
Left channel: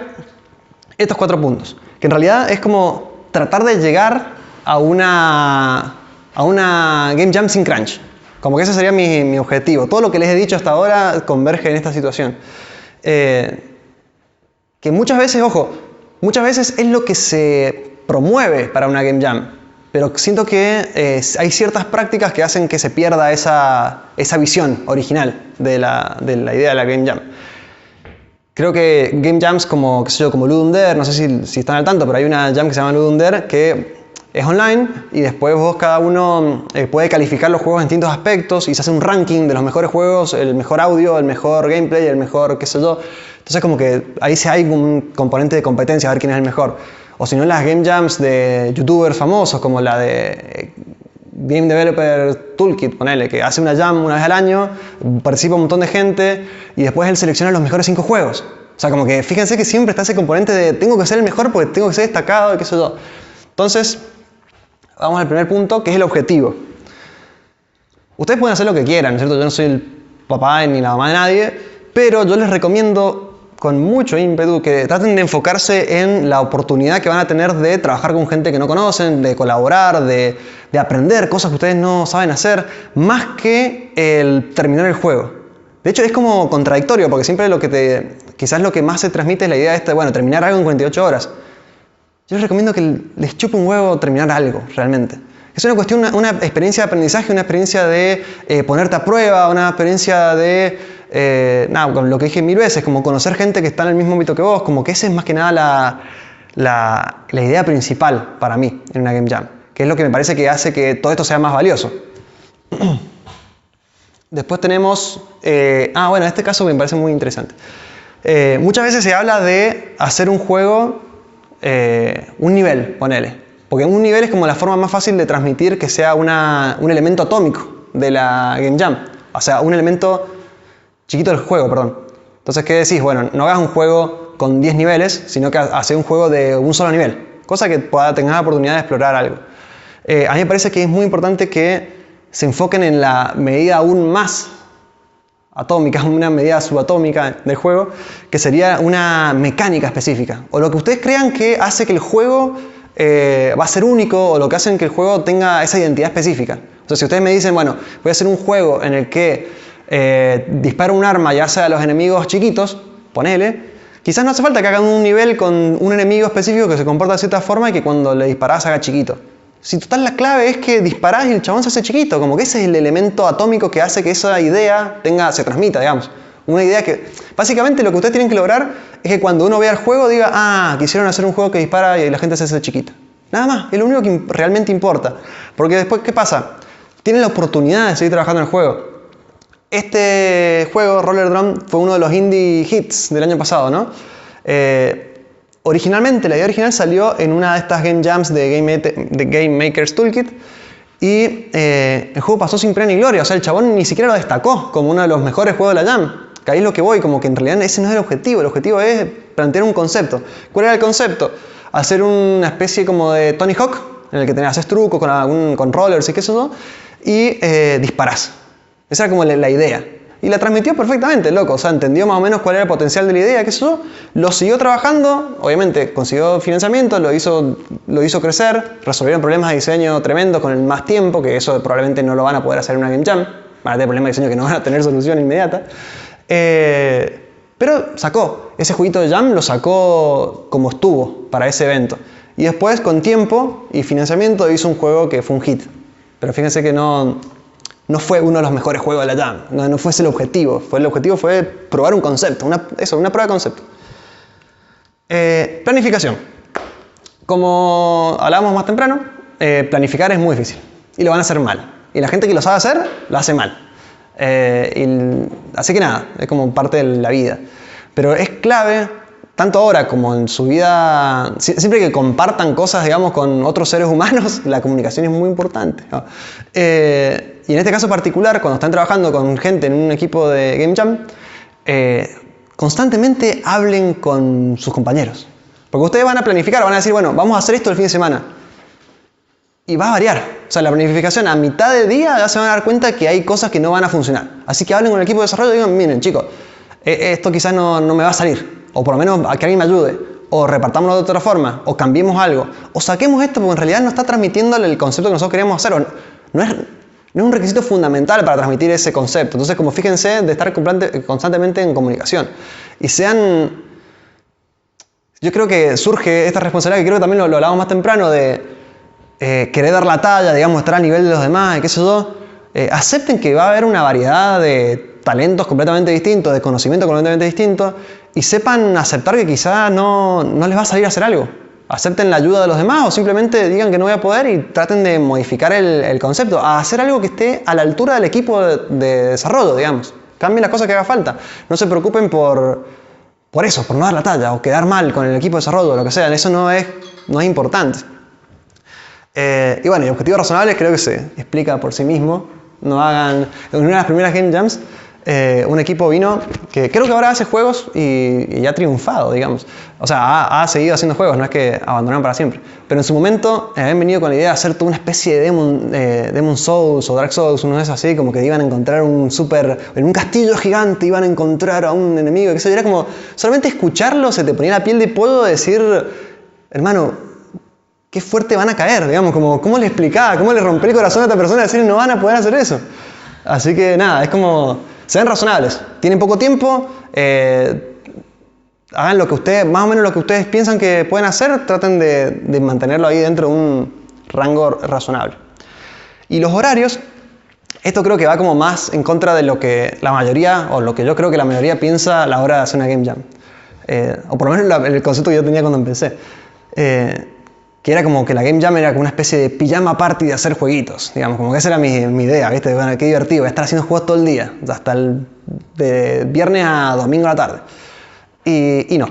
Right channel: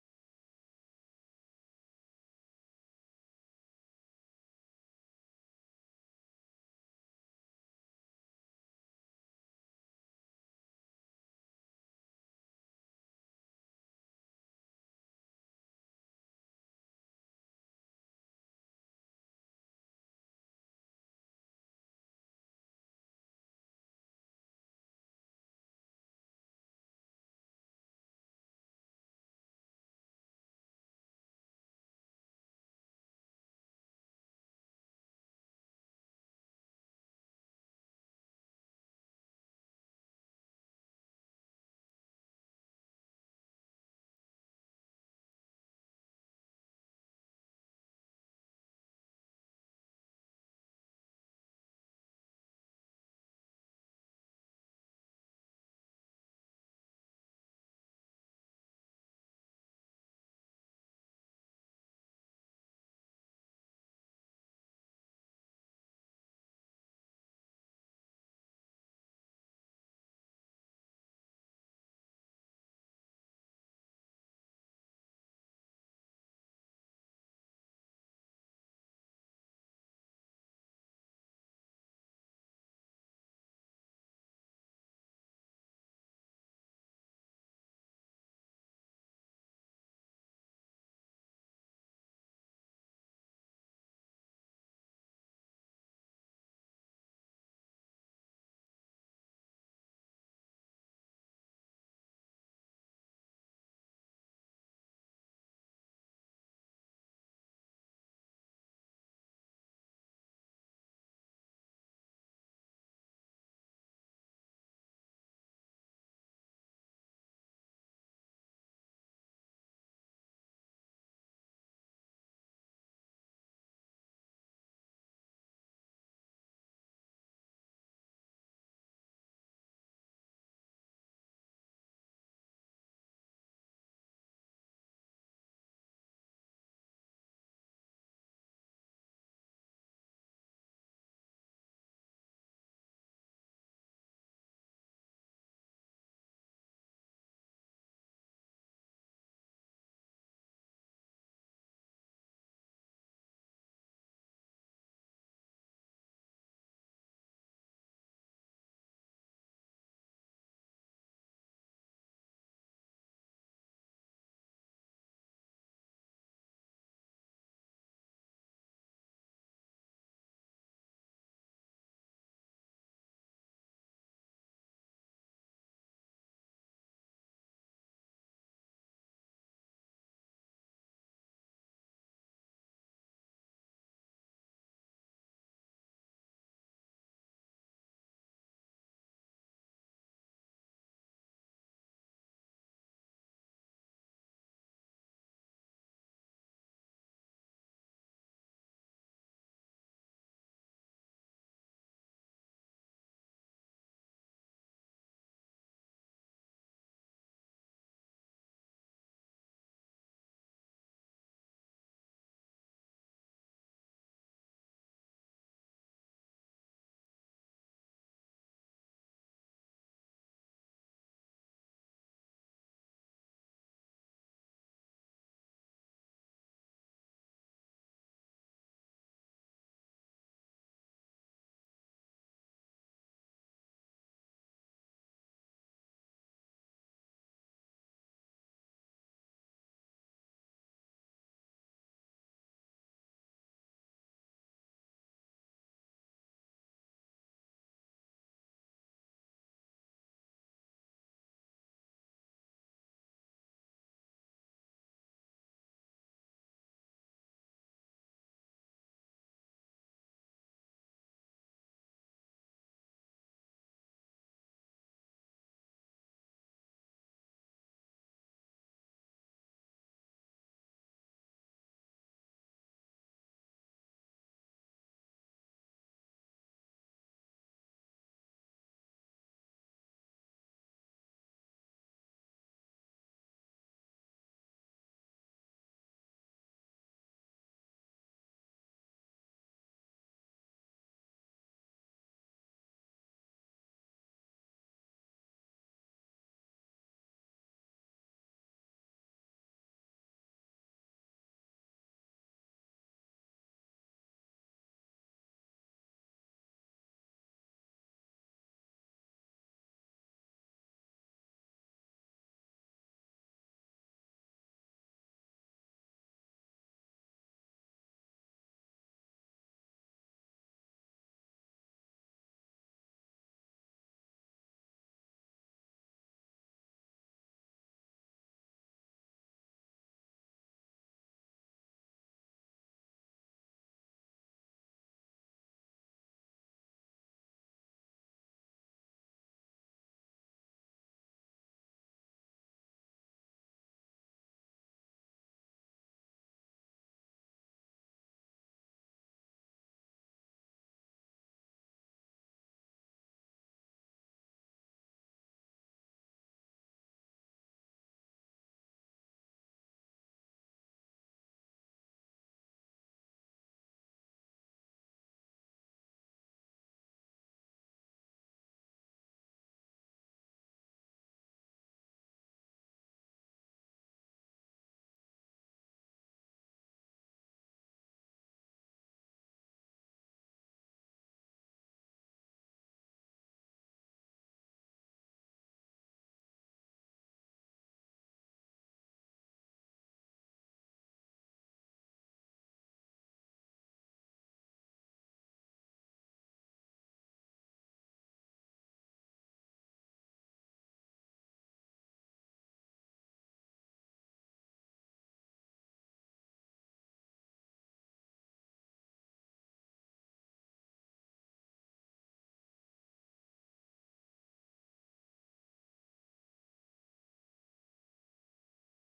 estos 4 puntos, que en realidad es como tratar de llegar a una Game Jam sin crunch. Como que ese sería mi objetivo. Todo lo que les he dicho hasta ahora converge en esta situación. Que muchas veces, ojo, muchas veces es lo que se promueve para una Game Jam. Pero siento que hay ciertas prácticas que hacen que se pierda esa visión original de la idea de la Game Jam. Creo que Game Jams como Ludum Dare, no sé si están al tanto, pero hay una Jam que se llama Ludum Dare que es online y después vos cada uno puede calificar los juegos en distintos aspectos y se hace un ranking de los mejores juegos, el mejor audio, el mejor gameplay, el mejor qué sé yo. Entonces como que ahí sí hay un componente de competencia a ver quién es el mejor. O si no, las game jams de youtubers famosos como la de Game Developer Toolkit, ponele, que hace una jam una vez al año, participa un montón de gente y después él selecciona los mejores 5 juegos. O sea, como que fíjense que siempre está ese componente de tengo que ser el mejor porque tengo que ser destacado y qué sé yo. Entonces, vamos al primer punto, que es el objetivo. Ustedes pueden hacer lo que quieran, ¿no es cierto? Yo no soy el papá ni la mamá de nadie, pero yo les recomiendo con mucho ímpetu que traten de enfocarse en la oportunidad que van a tener de trabajar con gente que no conocen, de colaborar, de aprender cosas que ustedes no saben hacer, más que el terminar el juego. De hecho, es como contradictorio, porque siempre quizás lo que más se transmite es la idea de bueno, terminar algo en 48 horas. Yo les recomiendo que les chupe un huevo terminar algo, realmente. Es una cuestión, una experiencia de aprendizaje, una experiencia de ponerte a prueba, una experiencia de, con lo que dije 1000 veces, como conocer gente que está en el mismo ámbito que vos, como que esa es más que nada la idea principal para mí en una Game Jam, que es lo que me parece que hace que todo esto sea más valioso. Después tenemos, bueno, este caso me parece muy interesante. Muchas veces se habla de hacer un juego, un nivel, ponele. Porque un nivel es como la forma más fácil de transmitir que sea un elemento atómico de la Game Jam. O sea, un elemento chiquito del juego, perdón. Entonces, ¿qué decís? Bueno, no hagas un juego con 10 niveles, sino que haces un juego de un solo nivel. Cosa que tengas la oportunidad de explorar algo. A mí me parece que es muy importante que se enfoquen en la medida aún más atómica, una medida subatómica del juego, que sería una mecánica específica. O lo que ustedes crean que hace que el juego va a ser único, o lo que hacen que el juego tenga esa identidad específica. O sea, si ustedes me dicen, bueno, voy a hacer un juego en el que disparo un arma y hace a los enemigos chiquitos, ponele, quizás no hace falta que hagan un nivel con un enemigo específico que se comporta de cierta forma y que cuando le disparás haga chiquito. Si total la clave es que disparás y el chabón se hace chiquito, como que ese es el elemento atómico que hace que esa idea se transmita, digamos. Una idea que, básicamente lo que ustedes tienen que lograr es que cuando uno vea el juego diga, quisieron hacer un juego que dispara y la gente se hace chiquita. Nada más, es lo único que realmente importa. Porque después, ¿qué pasa? Tienen la oportunidad de seguir trabajando en el juego. Este juego, Roller Drum, fue uno de los indie hits del año pasado, ¿no? Originalmente, la idea original salió en una de estas game jams de Game Maker's Toolkit y el juego pasó sin pena ni gloria. O sea, el chabón ni siquiera lo destacó como uno de los mejores juegos de la jam. Que ahí es lo que voy, como que en realidad ese no es el objetivo. El objetivo es plantear un concepto. ¿Cuál era el concepto? Hacer una especie como de Tony Hawk, en el que haces trucos con rollers y qué sé yo, y disparás. Esa era como la idea. Y la transmitió perfectamente, loco. O sea, entendió más o menos cuál era el potencial de la idea, qué sé yo. Lo siguió trabajando, obviamente consiguió financiamiento, lo hizo crecer, resolvieron problemas de diseño tremendos con el más tiempo, que eso probablemente no lo van a poder hacer en una Game Jam. Van a tener problemas de diseño que no van a tener solución inmediata. Pero sacó. Ese jueguito de Jam lo sacó como estuvo para ese evento. Y después, con tiempo y financiamiento, hizo un juego que fue un hit. Pero fíjense que no fue uno de los mejores juegos de la Jam. No fue ese el objetivo. El objetivo fue probar un concepto. Una prueba de concepto. Planificación. Como hablábamos más temprano, planificar es muy difícil. Y lo van a hacer mal. Y la gente que lo sabe hacer, lo hace mal. Así que nada, es como parte de la vida. Pero es clave, tanto ahora como en su vida, siempre que compartan cosas, digamos, con otros seres humanos, la comunicación es muy importante, ¿no? Y en este caso particular, cuando están trabajando con gente en un equipo de Game Jam, constantemente hablen con sus compañeros. Porque ustedes van a planificar, van a decir, bueno, vamos a hacer esto el fin de semana. Y va a variar. O sea, la planificación a mitad de día ya se van a dar cuenta que hay cosas que no van a funcionar. Así que hablen con el equipo de desarrollo y digan, miren chicos, esto quizás no me va a salir. O por lo menos a que alguien me ayude. O repartámoslo de otra forma. O cambiemos algo. O saquemos esto porque en realidad no está transmitiendo el concepto que nosotros queríamos hacer. O no es un requisito fundamental para transmitir ese concepto. Entonces, como fíjense de estar constantemente en comunicación. Y sean... Yo creo que surge esta responsabilidad, que creo que también lo hablábamos más temprano, de... querer dar la talla, digamos, estar al nivel de los demás y qué sé yo, acepten que va a haber una variedad de talentos completamente distintos, de conocimiento completamente distintos y sepan aceptar que quizás no les va a salir a hacer algo. acepten la ayuda de los demás o simplemente digan que no voy a poder y traten de modificar el concepto, a hacer algo que esté a la altura del equipo de desarrollo, digamos. Cambien las cosas que haga falta. No se preocupen por eso, por no dar la talla o quedar mal con el equipo de desarrollo o lo que sea. Eso no es importante. Y bueno, y objetivos razonables creo que se explica por sí mismo. No hagan... En una de las primeras Game Jams, un equipo vino que creo que ahora hace juegos y ha triunfado, digamos. O sea, ha seguido haciendo juegos, no es que abandonaron para siempre. Pero en su momento habían venido con la idea de hacer toda una especie de Demon Souls o Dark Souls, uno de esos así, como que iban a encontrar en un castillo gigante iban a encontrar a un enemigo, que eso era como, solamente escucharlo se te ponía la piel de pollo de decir, hermano, qué fuerte van a caer, digamos, como, ¿cómo le explicaba? ¿Cómo le rompí el corazón a esta persona de decir no van a poder hacer eso? Así que nada, es como, sean razonables, tienen poco tiempo, hagan lo que ustedes, más o menos lo que ustedes piensan que pueden hacer, traten de mantenerlo ahí dentro de un rango razonable. Y los horarios, esto creo que va como más en contra de lo que la mayoría, o lo que yo creo que la mayoría piensa a la hora de hacer una Game Jam. O por lo menos el concepto que yo tenía cuando empecé. Que era como que la Game Jam era como una especie de pijama party de hacer jueguitos, digamos, como que esa era mi idea, ¿viste? Bueno, qué divertido, voy a estar haciendo juegos todo el día, hasta de viernes a domingo a la tarde. Y no.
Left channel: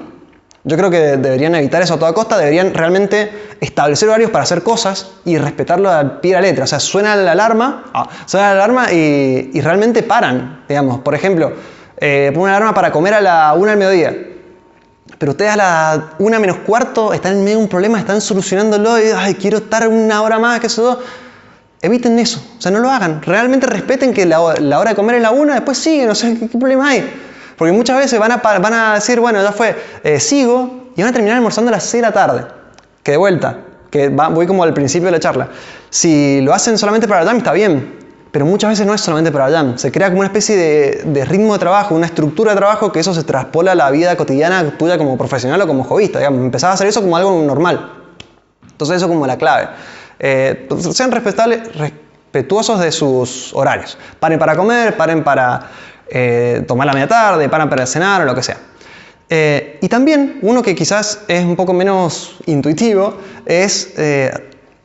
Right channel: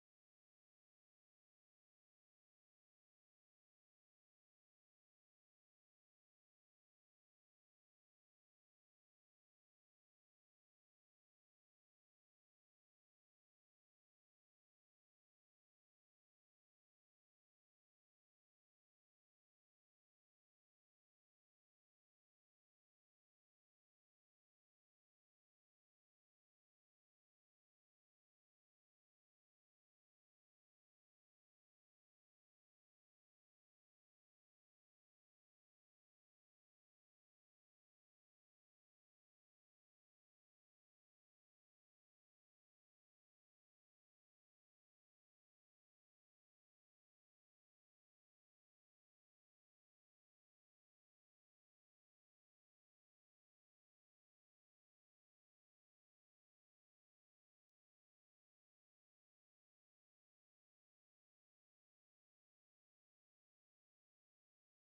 Yo creo que deberían evitar eso a toda costa, deberían realmente establecer horarios para hacer cosas y respetarlo al pie de la letra. O sea, suena la alarma y realmente paran, digamos. Por ejemplo, ponen una alarma para comer a la 1 del mediodía. Pero ustedes a la 1 menos cuarto están en medio de un problema, están solucionándolo y ay, quiero estar una hora más, que eso. Eviten eso, o sea, no lo hagan. Realmente respeten que la hora de comer es la 1, después siguen, o sea, ¿qué problema hay? Porque muchas veces van a decir, bueno, ya fue, sigo, y van a terminar almorzando a las 6 de la tarde. Que de vuelta, voy como al principio de la charla. Si lo hacen solamente para la jam, está bien. Pero muchas veces no es solamente para la jam. Se crea como una especie de ritmo de trabajo, una estructura de trabajo que eso se traspola a la vida cotidiana tuya como profesional o como hobbyista. Digamos. Empezás a hacer eso como algo normal. Entonces eso es como la clave. Sean respetuosos de sus horarios. Paren para comer, paren para tomar la media tarde, paren para cenar o lo que sea. Y también, uno que quizás es un poco menos intuitivo, es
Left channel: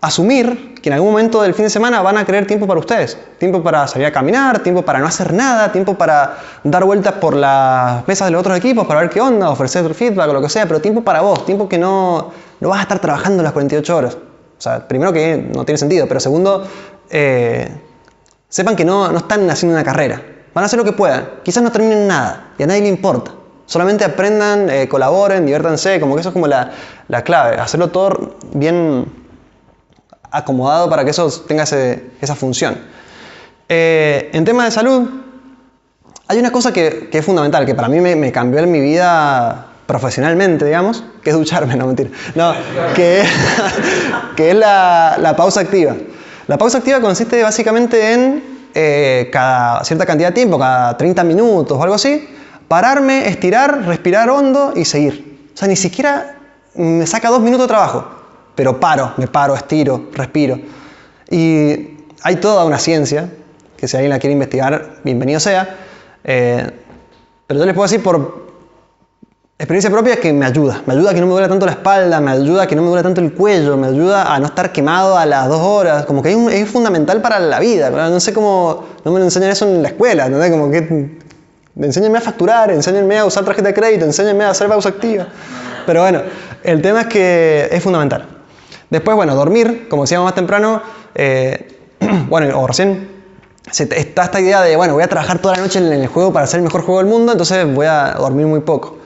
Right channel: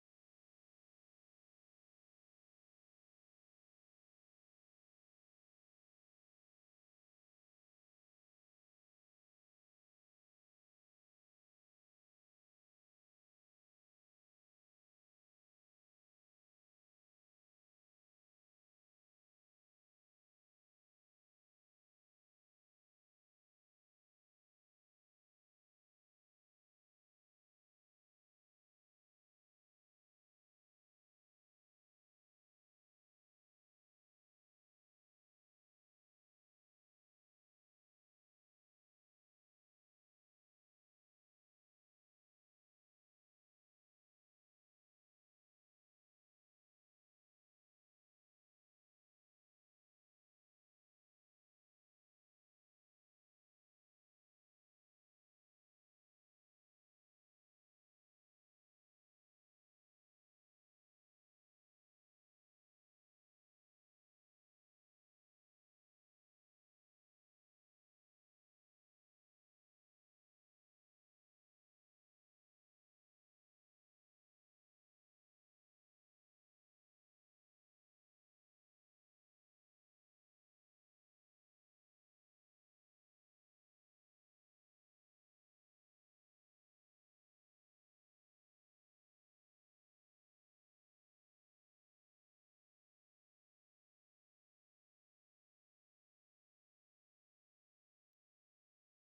asumir que en algún momento del fin de semana van a querer tiempo para ustedes. Tiempo para salir a caminar, tiempo para no hacer nada, tiempo para dar vueltas por las mesas de los otros equipos para ver qué onda, ofrecer feedback o lo que sea, pero tiempo para vos, tiempo que no vas a estar trabajando las 48 horas. O sea, primero que no tiene sentido, pero segundo, sepan que no están haciendo una carrera. Van a hacer lo que puedan. Quizás no terminen nada y a nadie le importa. Solamente aprendan, colaboren, diviértanse, como que eso es como la clave. Hacerlo todo bien acomodado para que eso tenga esa función. En tema de salud, hay una cosa que es fundamental, que para mí me cambió en mi vida profesionalmente, digamos, que es ducharme, no mentira. No, que es la pausa activa. La pausa activa consiste básicamente en cada cierta cantidad de tiempo, cada 30 minutos o algo así, pararme, estirar, respirar hondo y seguir. O sea, ni siquiera me saca 2 minutos de trabajo. Pero me paro, estiro, respiro. Y hay toda una ciencia, que si alguien la quiere investigar, bienvenido sea. Pero yo les puedo decir por experiencia propia que me ayuda. Me ayuda a que no me duele tanto la espalda, me ayuda a que no me duele tanto el cuello, me ayuda a no estar quemado a las 2 horas. Como que es fundamental para la vida. No sé cómo, no me lo enseñan eso en la escuela, ¿no? Como que enséñenme a facturar, enséñenme a usar tarjeta de crédito, enséñenme a hacer pausa activa. Pero bueno, el tema es que es fundamental. Después, bueno, dormir, como decíamos más temprano, bueno, o recién, está esta idea de, bueno, voy a trabajar toda la noche en el juego para ser el mejor juego del mundo, entonces voy a dormir muy poco.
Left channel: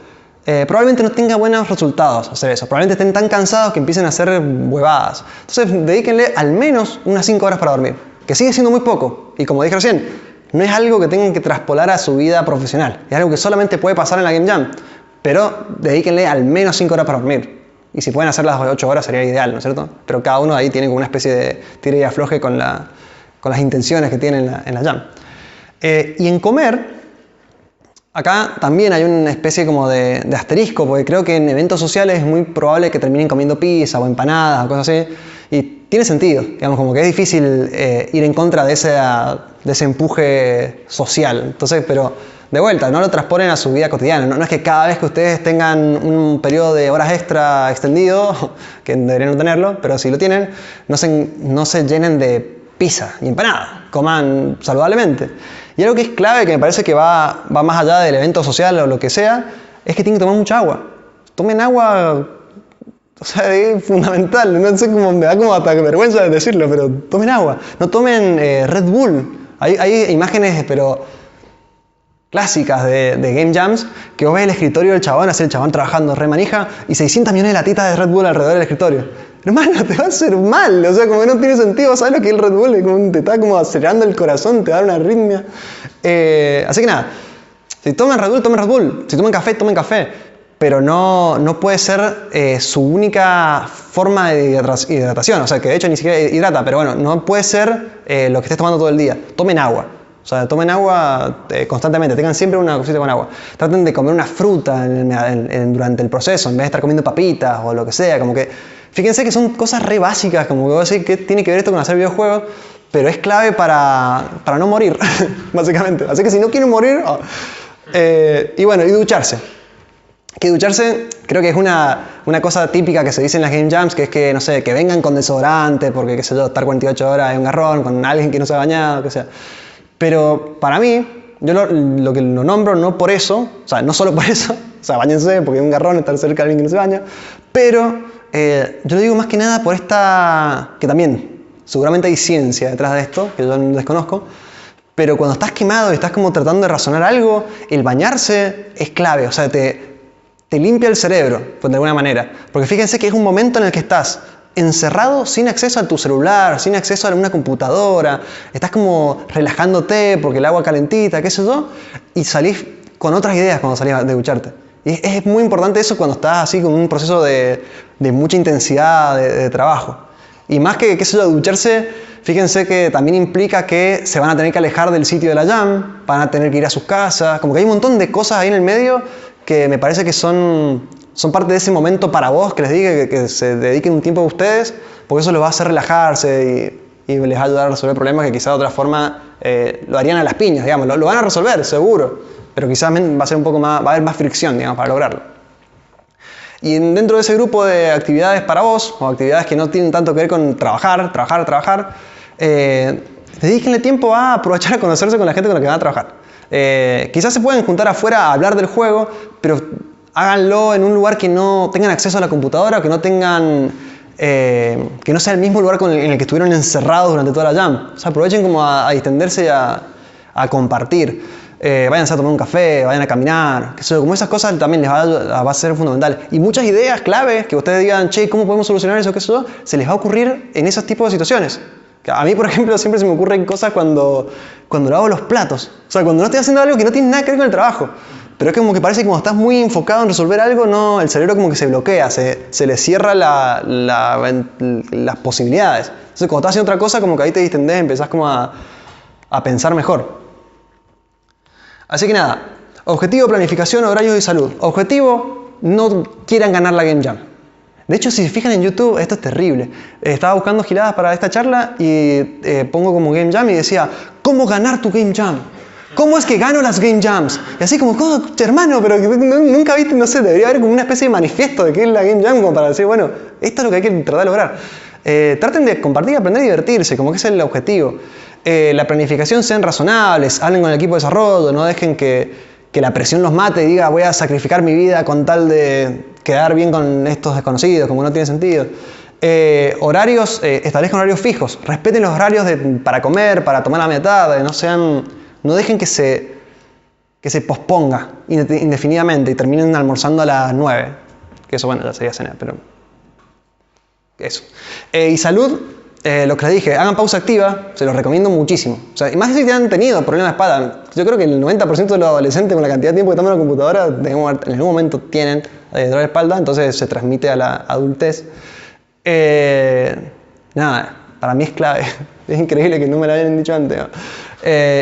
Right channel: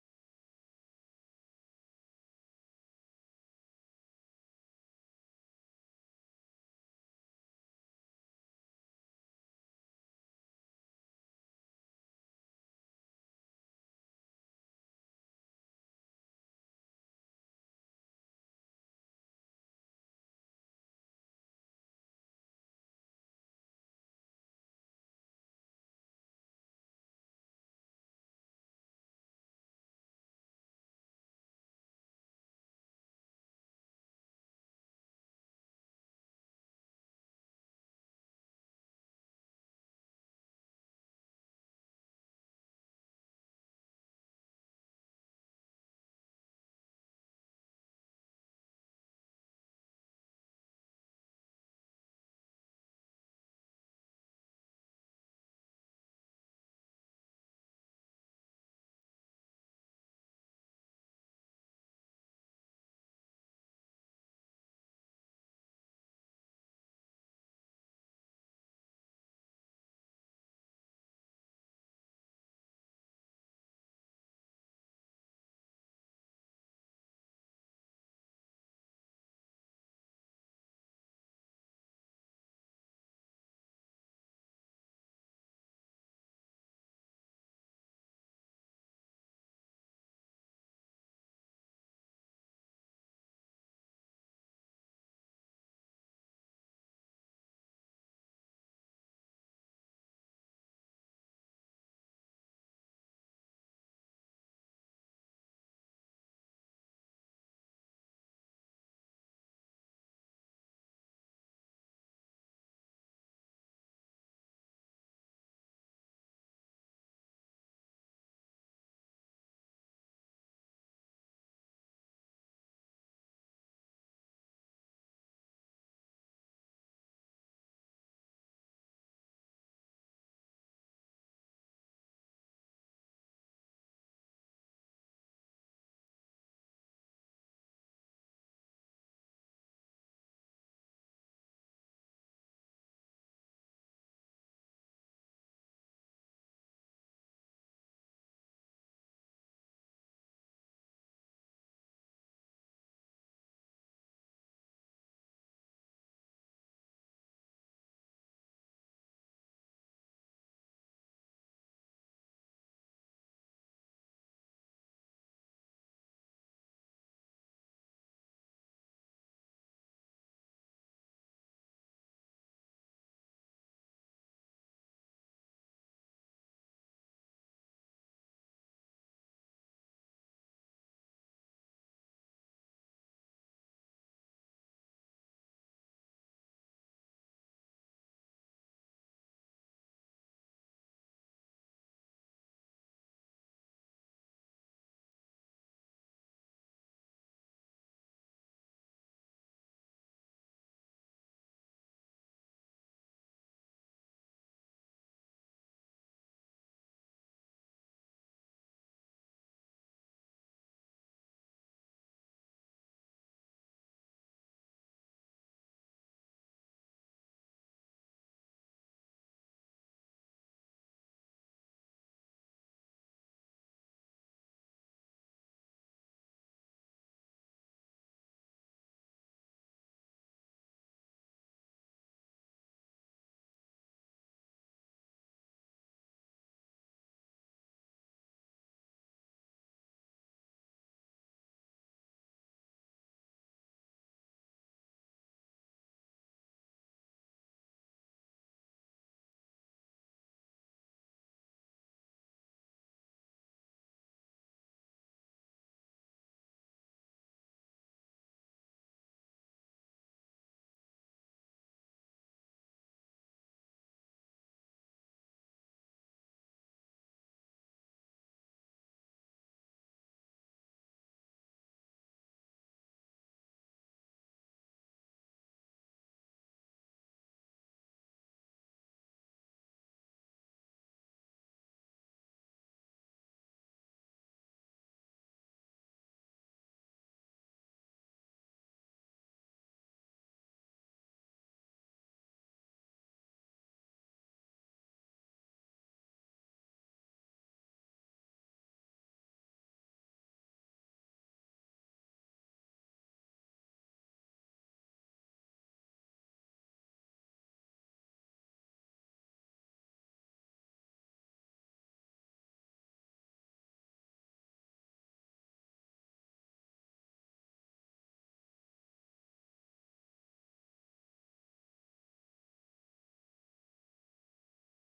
Probablemente no tenga buenos resultados hacer eso, probablemente estén tan cansados que empiecen a hacer huevadas. Entonces, dedíquenle al menos unas 5 horas para dormir, que sigue siendo muy poco, y como dije recién, no es algo que tengan que traspolar a su vida profesional, es algo que solamente puede pasar en la Game Jam, pero dedíquenle al menos 5 horas para dormir. Y si pueden hacer las 8 horas sería ideal, ¿no es cierto? Pero cada uno ahí tiene como una especie de tira y afloje con las intenciones que tiene en la jam. Y en comer, acá también hay una especie como de asterisco, porque creo que en eventos sociales es muy probable que terminen comiendo pizza o empanadas o cosas así. Y tiene sentido, digamos, como que es difícil ir en contra de ese empuje social. Entonces, pero de vuelta, no lo transponen a su vida cotidiana. No es que cada vez que ustedes tengan un periodo de horas extra extendido, que deberían no tenerlo, pero si lo tienen, no se llenen de pizza y empanada. Coman saludablemente. Y algo que es clave, que me parece que va más allá del evento social o lo que sea, es que tienen que tomar mucha agua. Tomen agua, o sea, es fundamental. No sé cómo, me da como hasta vergüenza de decirlo, pero tomen agua. No tomen Red Bull. Hay imágenes, pero clásicas de Game Jams, que vos ves el escritorio del chabón, así el chabón trabajando re manija, y 600 millones de latitas de Red Bull alrededor del escritorio. Hermano, te va a hacer mal, o sea, como que no tiene sentido, ¿sabes lo que es el Red Bull? Te está como acelerando el corazón, te da una arritmia. Así que nada, si toman Red Bull, tomen Red Bull. Si toman café, pero no puede ser su única forma de hidratación, o sea, que de hecho ni siquiera hidrata, pero bueno, no puede ser lo que estés tomando todo el día. Tomen agua. O sea, tomen agua constantemente, tengan siempre una cosita con agua. Traten de comer una fruta durante el proceso, en vez de estar comiendo papitas o lo que sea. Como que, fíjense que son cosas re básicas, como que voy a decir que tiene que ver esto con hacer videojuegos, pero es clave para no morir, básicamente. Así que si no quieren morir... y bueno, y ducharse. Que ducharse creo que es una cosa típica que se dice en las Game Jams, que es que, no sé, que vengan con desodorante, porque, qué sé yo, estar 48 horas en un garrón con alguien que no se ha bañado, que sea. Pero para mí, yo lo que lo nombro no por eso, o sea, no solo por eso, o sea, báñense porque es un garrón estar cerca de alguien que no se baña, pero yo lo digo más que nada por esta, que también seguramente hay ciencia detrás de esto, que yo no desconozco, pero cuando estás quemado y estás como tratando de razonar algo, el bañarse es clave, o sea, te limpia el cerebro, pues, de alguna manera, porque fíjense que es un momento en el que estás encerrado sin acceso a tu celular, sin acceso a una computadora, estás como relajándote porque el agua calentita, qué sé yo, y salís con otras ideas cuando salís de ducharte. Y es muy importante eso cuando estás así con un proceso de mucha intensidad de trabajo. Y más que, qué sé yo, ducharse, fíjense que también implica que se van a tener que alejar del sitio de la jam, van a tener que ir a sus casas, como que hay un montón de cosas ahí en el medio que me parece que son parte de ese momento para vos, que les diga que se dediquen un tiempo a ustedes, porque eso los va a hacer relajarse y les va a ayudar a resolver problemas que quizás de otra forma lo harían a las piñas, digamos. Lo van a resolver, seguro, pero quizás va a ser un poco más, va a haber más fricción, digamos, para lograrlo. Y dentro de ese grupo de actividades para vos, o actividades que no tienen tanto que ver con trabajar, dedíquenle tiempo a aprovechar a conocerse con la gente con la que van a trabajar. Quizás se pueden juntar afuera a hablar del juego, pero háganlo en un lugar que no tengan acceso a la computadora, que no tengan, que no sea el mismo lugar en el que estuvieron encerrados durante toda la jam. O sea, aprovechen como a distenderse y a compartir. Váyanse a tomar un café, vayan a caminar, como esas cosas también les va a ser fundamental. Y muchas ideas claves que ustedes digan, che, ¿cómo podemos solucionar eso? Se les va a ocurrir en esos tipos de situaciones. A mí, por ejemplo, siempre se me ocurren cosas cuando lavo los platos. O sea, cuando no estoy haciendo algo que no tiene nada que ver con el trabajo. Pero es como que parece que cuando estás muy enfocado en resolver algo, no, el cerebro como que se bloquea, se le cierra las posibilidades. Entonces, cuando estás haciendo otra cosa, como que ahí te distendés, empezás como a pensar mejor. Así que nada, objetivo, planificación, horarios y salud. Objetivo, no quieran ganar la Game Jam. De hecho, si se fijan en YouTube, esto es terrible. Estaba buscando giladas para esta charla y pongo como Game Jam y decía, ¿cómo ganar tu Game Jam? ¿Cómo es que gano las Game Jams? Y así como, hermano, pero nunca viste, no sé, debería haber como una especie de manifiesto de qué es la Game Jam como para decir, bueno, esto es lo que hay que tratar de lograr. Traten de compartir, aprender y divertirse, como que ese es el objetivo. La planificación sean razonables, hablen con el equipo de desarrollo, no dejen que la presión los mate y diga voy a sacrificar mi vida con tal de quedar bien con estos desconocidos, como no tiene sentido. Horarios, establezcan horarios fijos, respeten los horarios para comer, para tomar la media tarde, no dejen que se posponga indefinidamente y terminen almorzando a las 9. Que eso, bueno, ya sería cena, pero eso. Y salud, lo que les dije, hagan pausa activa, se los recomiendo muchísimo. O sea, y más si han tenido problemas de espalda. Yo creo que el 90% de los adolescentes con la cantidad de tiempo que toman en la computadora, en algún momento tienen dolor de espalda, entonces se transmite a la adultez. Nada, para mí es clave. Es increíble que no me lo hayan dicho antes, ¿no?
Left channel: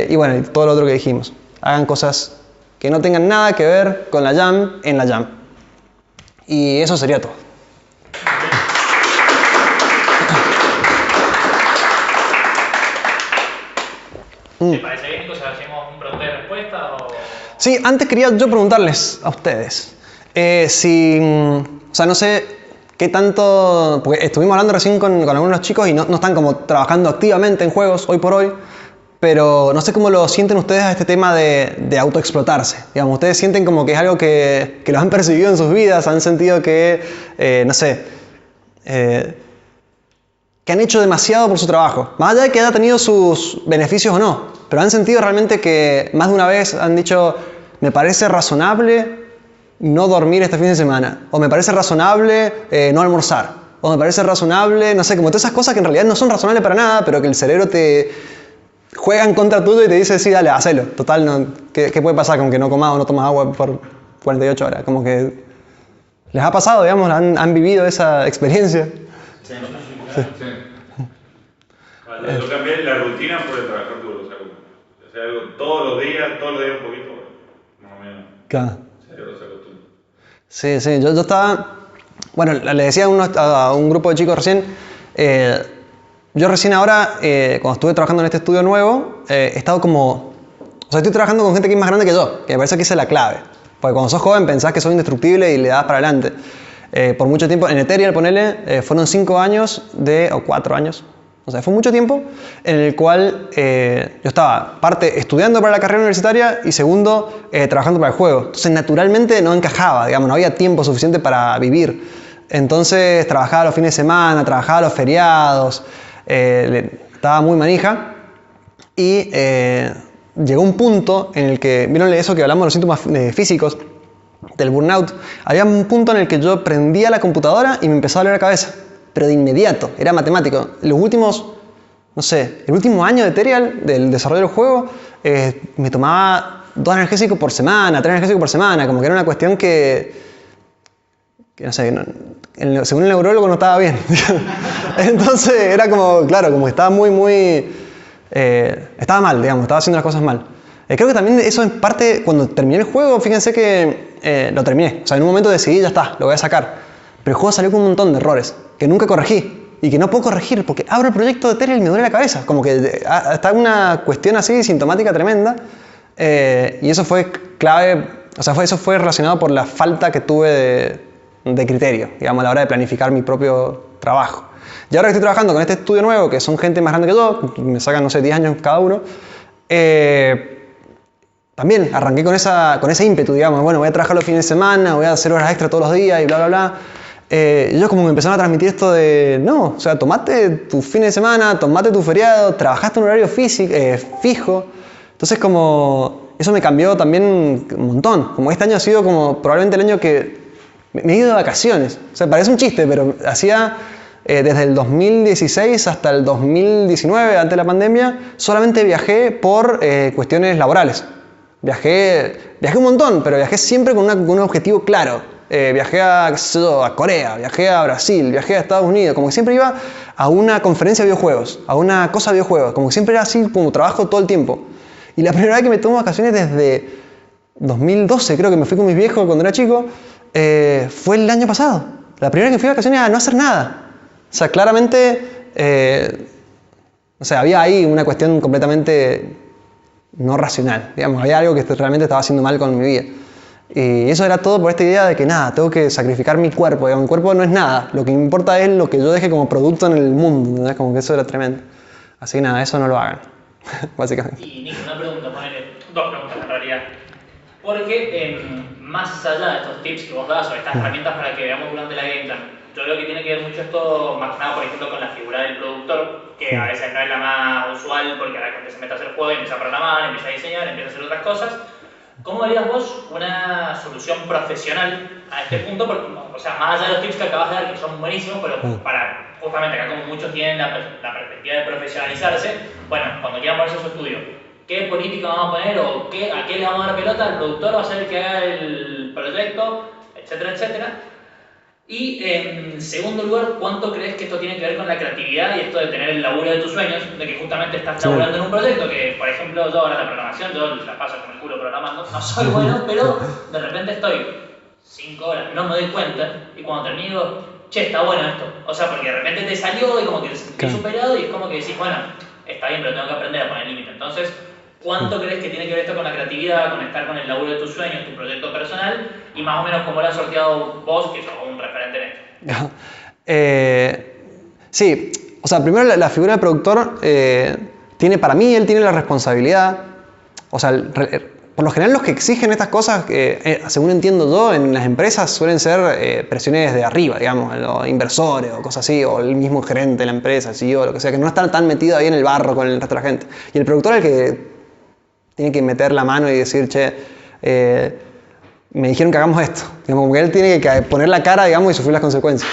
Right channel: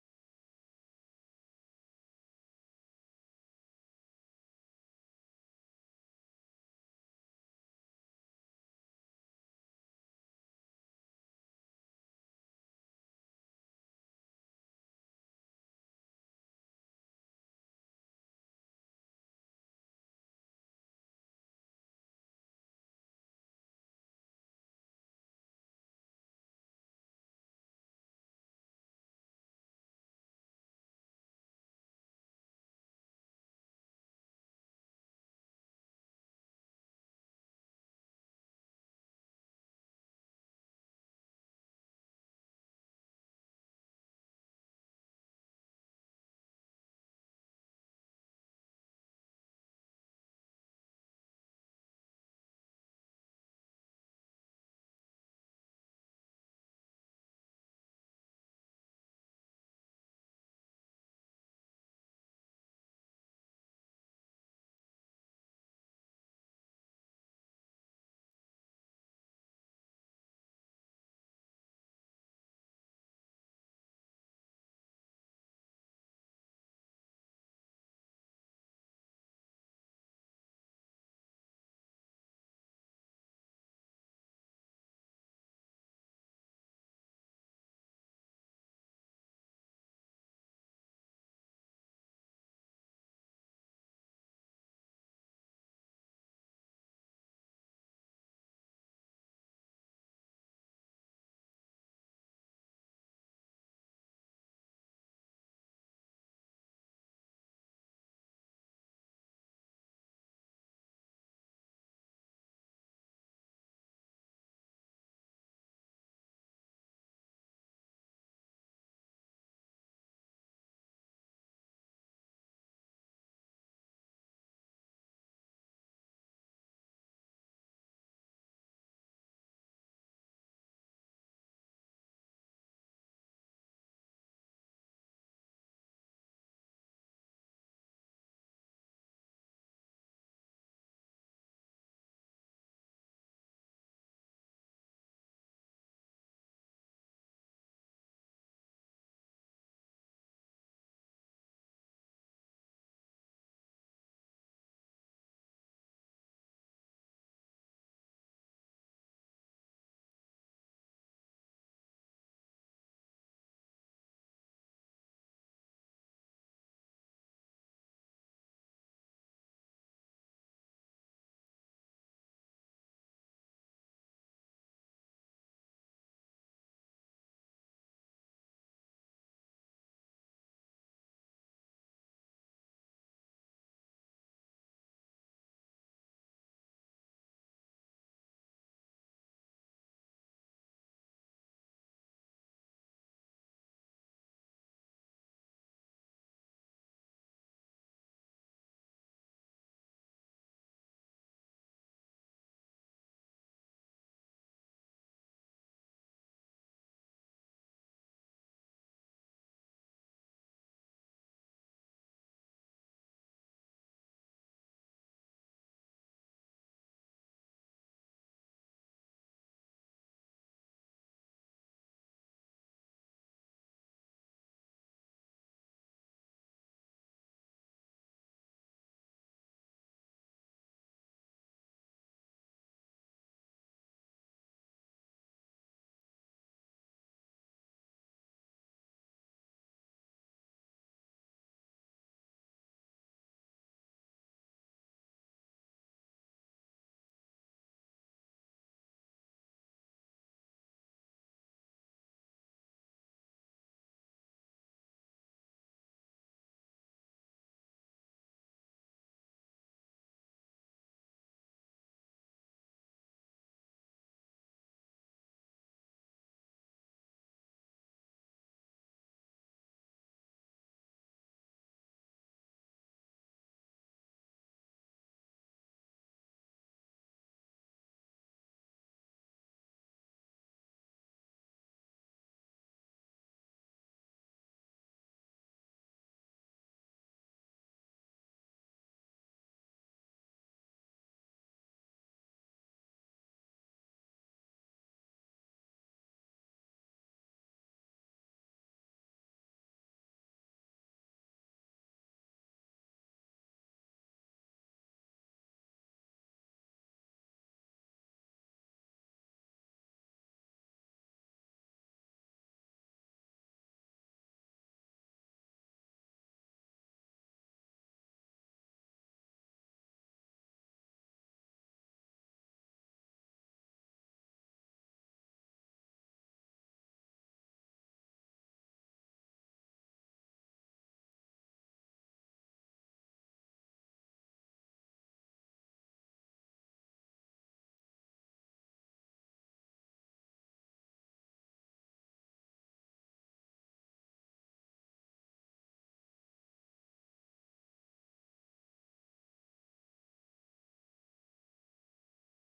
Y bueno, y todo lo otro que dijimos. Hagan cosas que no tengan nada que ver con la jam en la jam. Y eso sería todo. ¿Te parece bien, Nico, si hacemos un pregunta y respuesta? O... Sí, antes quería yo preguntarles a ustedes o sea, no sé qué tanto, porque estuvimos hablando recién con algunos chicos y no están como trabajando activamente en juegos hoy por hoy, pero no sé cómo lo sienten ustedes a este tema de autoexplotarse. Digamos, ustedes sienten como que es algo que los han percibido en sus vidas, han sentido que, no sé, que han hecho demasiado por su trabajo, más allá de que haya tenido sus beneficios o no, pero han sentido realmente que más de una vez han dicho, me parece razonable no dormir este fin de semana, o me parece razonable no almorzar, o me parece razonable, no sé, como todas esas cosas que en realidad no son razonables para nada, pero que el cerebro te juega en contra tuyo y te dice, sí, dale, hacelo. Total, no, ¿qué puede pasar con que no comas o no tomas agua por 48 horas? Como que les ha pasado, digamos, han vivido esa experiencia. Sí. Vale, yo cambié la rutina por el trabajar duro, o sea, algo todos los días un poquito, más o menos. Claro. Se acostumbra. Sí, yo estaba, bueno, le decía a un grupo de chicos recién, yo recién ahora, cuando estuve trabajando en este estudio nuevo, he estado como, o sea, estoy trabajando con gente que es más grande que yo, que me parece que esa es la clave, porque cuando sos joven pensás que sos indestructible y le das para adelante. Por mucho tiempo, en Ethereal, ponele, fueron 5 años o 4 años, o sea, fue mucho tiempo en el cual yo estaba, parte, estudiando para la carrera universitaria y segundo, trabajando para el juego. Entonces, naturalmente no encajaba, digamos, no había tiempo suficiente para vivir. Entonces, trabajaba los fines de semana, trabajaba los feriados, estaba muy manija y llegó un punto en el que, ¿vieron eso que hablamos de los síntomas físicos? Del burnout, había un punto en el que yo prendía la computadora y me empezaba a doler la cabeza, pero de inmediato, era matemático. Los últimos, no sé, el último año de Ethereal, del desarrollo del juego, me tomaba 2 analgésicos por semana, 3 analgésicos por semana, como que era una cuestión que no sé, según el neurólogo no estaba bien. Entonces era como, claro, como que estaba estaba mal, digamos, estaba haciendo las cosas mal. Creo que también eso en parte, cuando terminé el juego, fíjense que lo terminé. O sea, en un momento decidí, ya está, lo voy a sacar. Pero el juego salió con un montón de errores que nunca corregí y que no puedo corregir porque abro el proyecto de Ethereal y me duele la cabeza. Como que está una cuestión así sintomática tremenda. Y eso fue clave, o sea, eso fue relacionado por la falta que tuve de criterio, digamos, a la hora de planificar mi propio trabajo. Y ahora que estoy trabajando con este estudio nuevo, que son gente más grande que yo, me sacan, no sé, 10 años cada uno, también arranqué con ese ímpetu, digamos, bueno, voy a trabajar los fines de semana, voy a hacer horas extra todos los días y bla, bla, bla. Ellos como me empezaron a transmitir esto de, no, o sea, tomate tu fin de semana, tomate tu feriado, trabajaste en un horario fijo. Entonces como, eso me cambió también un montón. Como este año ha sido como probablemente el año que me he ido de vacaciones. O sea, parece un chiste, pero hacía desde el 2016 hasta el 2019, antes de la pandemia, solamente viajé por cuestiones laborales. Viajé un montón, pero viajé siempre con un objetivo claro. Viajé a Corea, viajé a Brasil, viajé a Estados Unidos. Como que siempre iba a una conferencia de videojuegos, a una cosa de videojuegos. Como que siempre era así, como trabajo todo el tiempo. Y la primera vez que me tomo vacaciones desde 2012, creo que me fui con mis viejos cuando era chico, fue el año pasado. La primera vez que fui de vacaciones a no hacer nada. O sea, claramente, o sea, había ahí una cuestión completamente no racional, digamos, había algo que realmente estaba haciendo mal con mi vida. Y eso era todo por esta idea de que nada, tengo que sacrificar mi cuerpo, digamos, mi cuerpo no es nada, lo que me importa es lo que yo deje como producto en el mundo, ¿entendés? Como que eso era tremendo. Así que nada, eso no lo hagan, básicamente. Y Nico, una pregunta, dos preguntas en realidad. Porque más allá de estos tips que vos das o estas herramientas para que veamos durante la Game Jam, yo creo que tiene que ver mucho esto, más que nada, por ejemplo, con la figura del productor, que a veces no es la más usual porque la gente se mete a hacer juego, empieza a programar, empieza a diseñar, empieza a hacer otras cosas. ¿Cómo harías vos una solución profesional a este punto? Porque, o sea, más allá de los tips que acabas de dar, que son buenísimos, pero para, justamente acá como muchos tienen la perspectiva de profesionalizarse, bueno, cuando quieran ponerse su estudio, ¿qué política vamos a poner o a qué le vamos a dar pelota? ¿El productor va a ser el que haga el proyecto? Etcétera, etcétera. Y en segundo lugar, ¿cuánto crees que esto tiene que ver con la creatividad y esto de tener el laburo de tus sueños? De que justamente estás laburando en un proyecto que, por ejemplo, yo ahora la programación, yo la paso con el culo programando, no soy bueno, pero de repente estoy 5 horas, no me doy cuenta, y cuando termino, che, está bueno esto. O sea, porque de repente te salió y como que te sentís superado y es como que decís, bueno, está bien, pero tengo que aprender a poner límite. Entonces, ¿Cuánto crees que tiene que ver esto con la creatividad, conectar con el laburo de tus sueños, tu proyecto personal? Y más o menos cómo lo has sorteado vos, que sos un referente en esto. Sí, o sea, primero la figura del productor tiene, para mí, él tiene la responsabilidad, o sea, por lo general los que exigen estas cosas, según entiendo yo, en las empresas suelen ser presiones de arriba, digamos, los inversores o cosas así, o el mismo gerente de la empresa, el CEO, lo que sea, que no están tan metido ahí en el barro con el resto de la gente. Y el productor es el que tiene que meter la mano y decir, che, me dijeron que hagamos esto. Digamos, como que él tiene que poner la cara, digamos, y sufrir las consecuencias.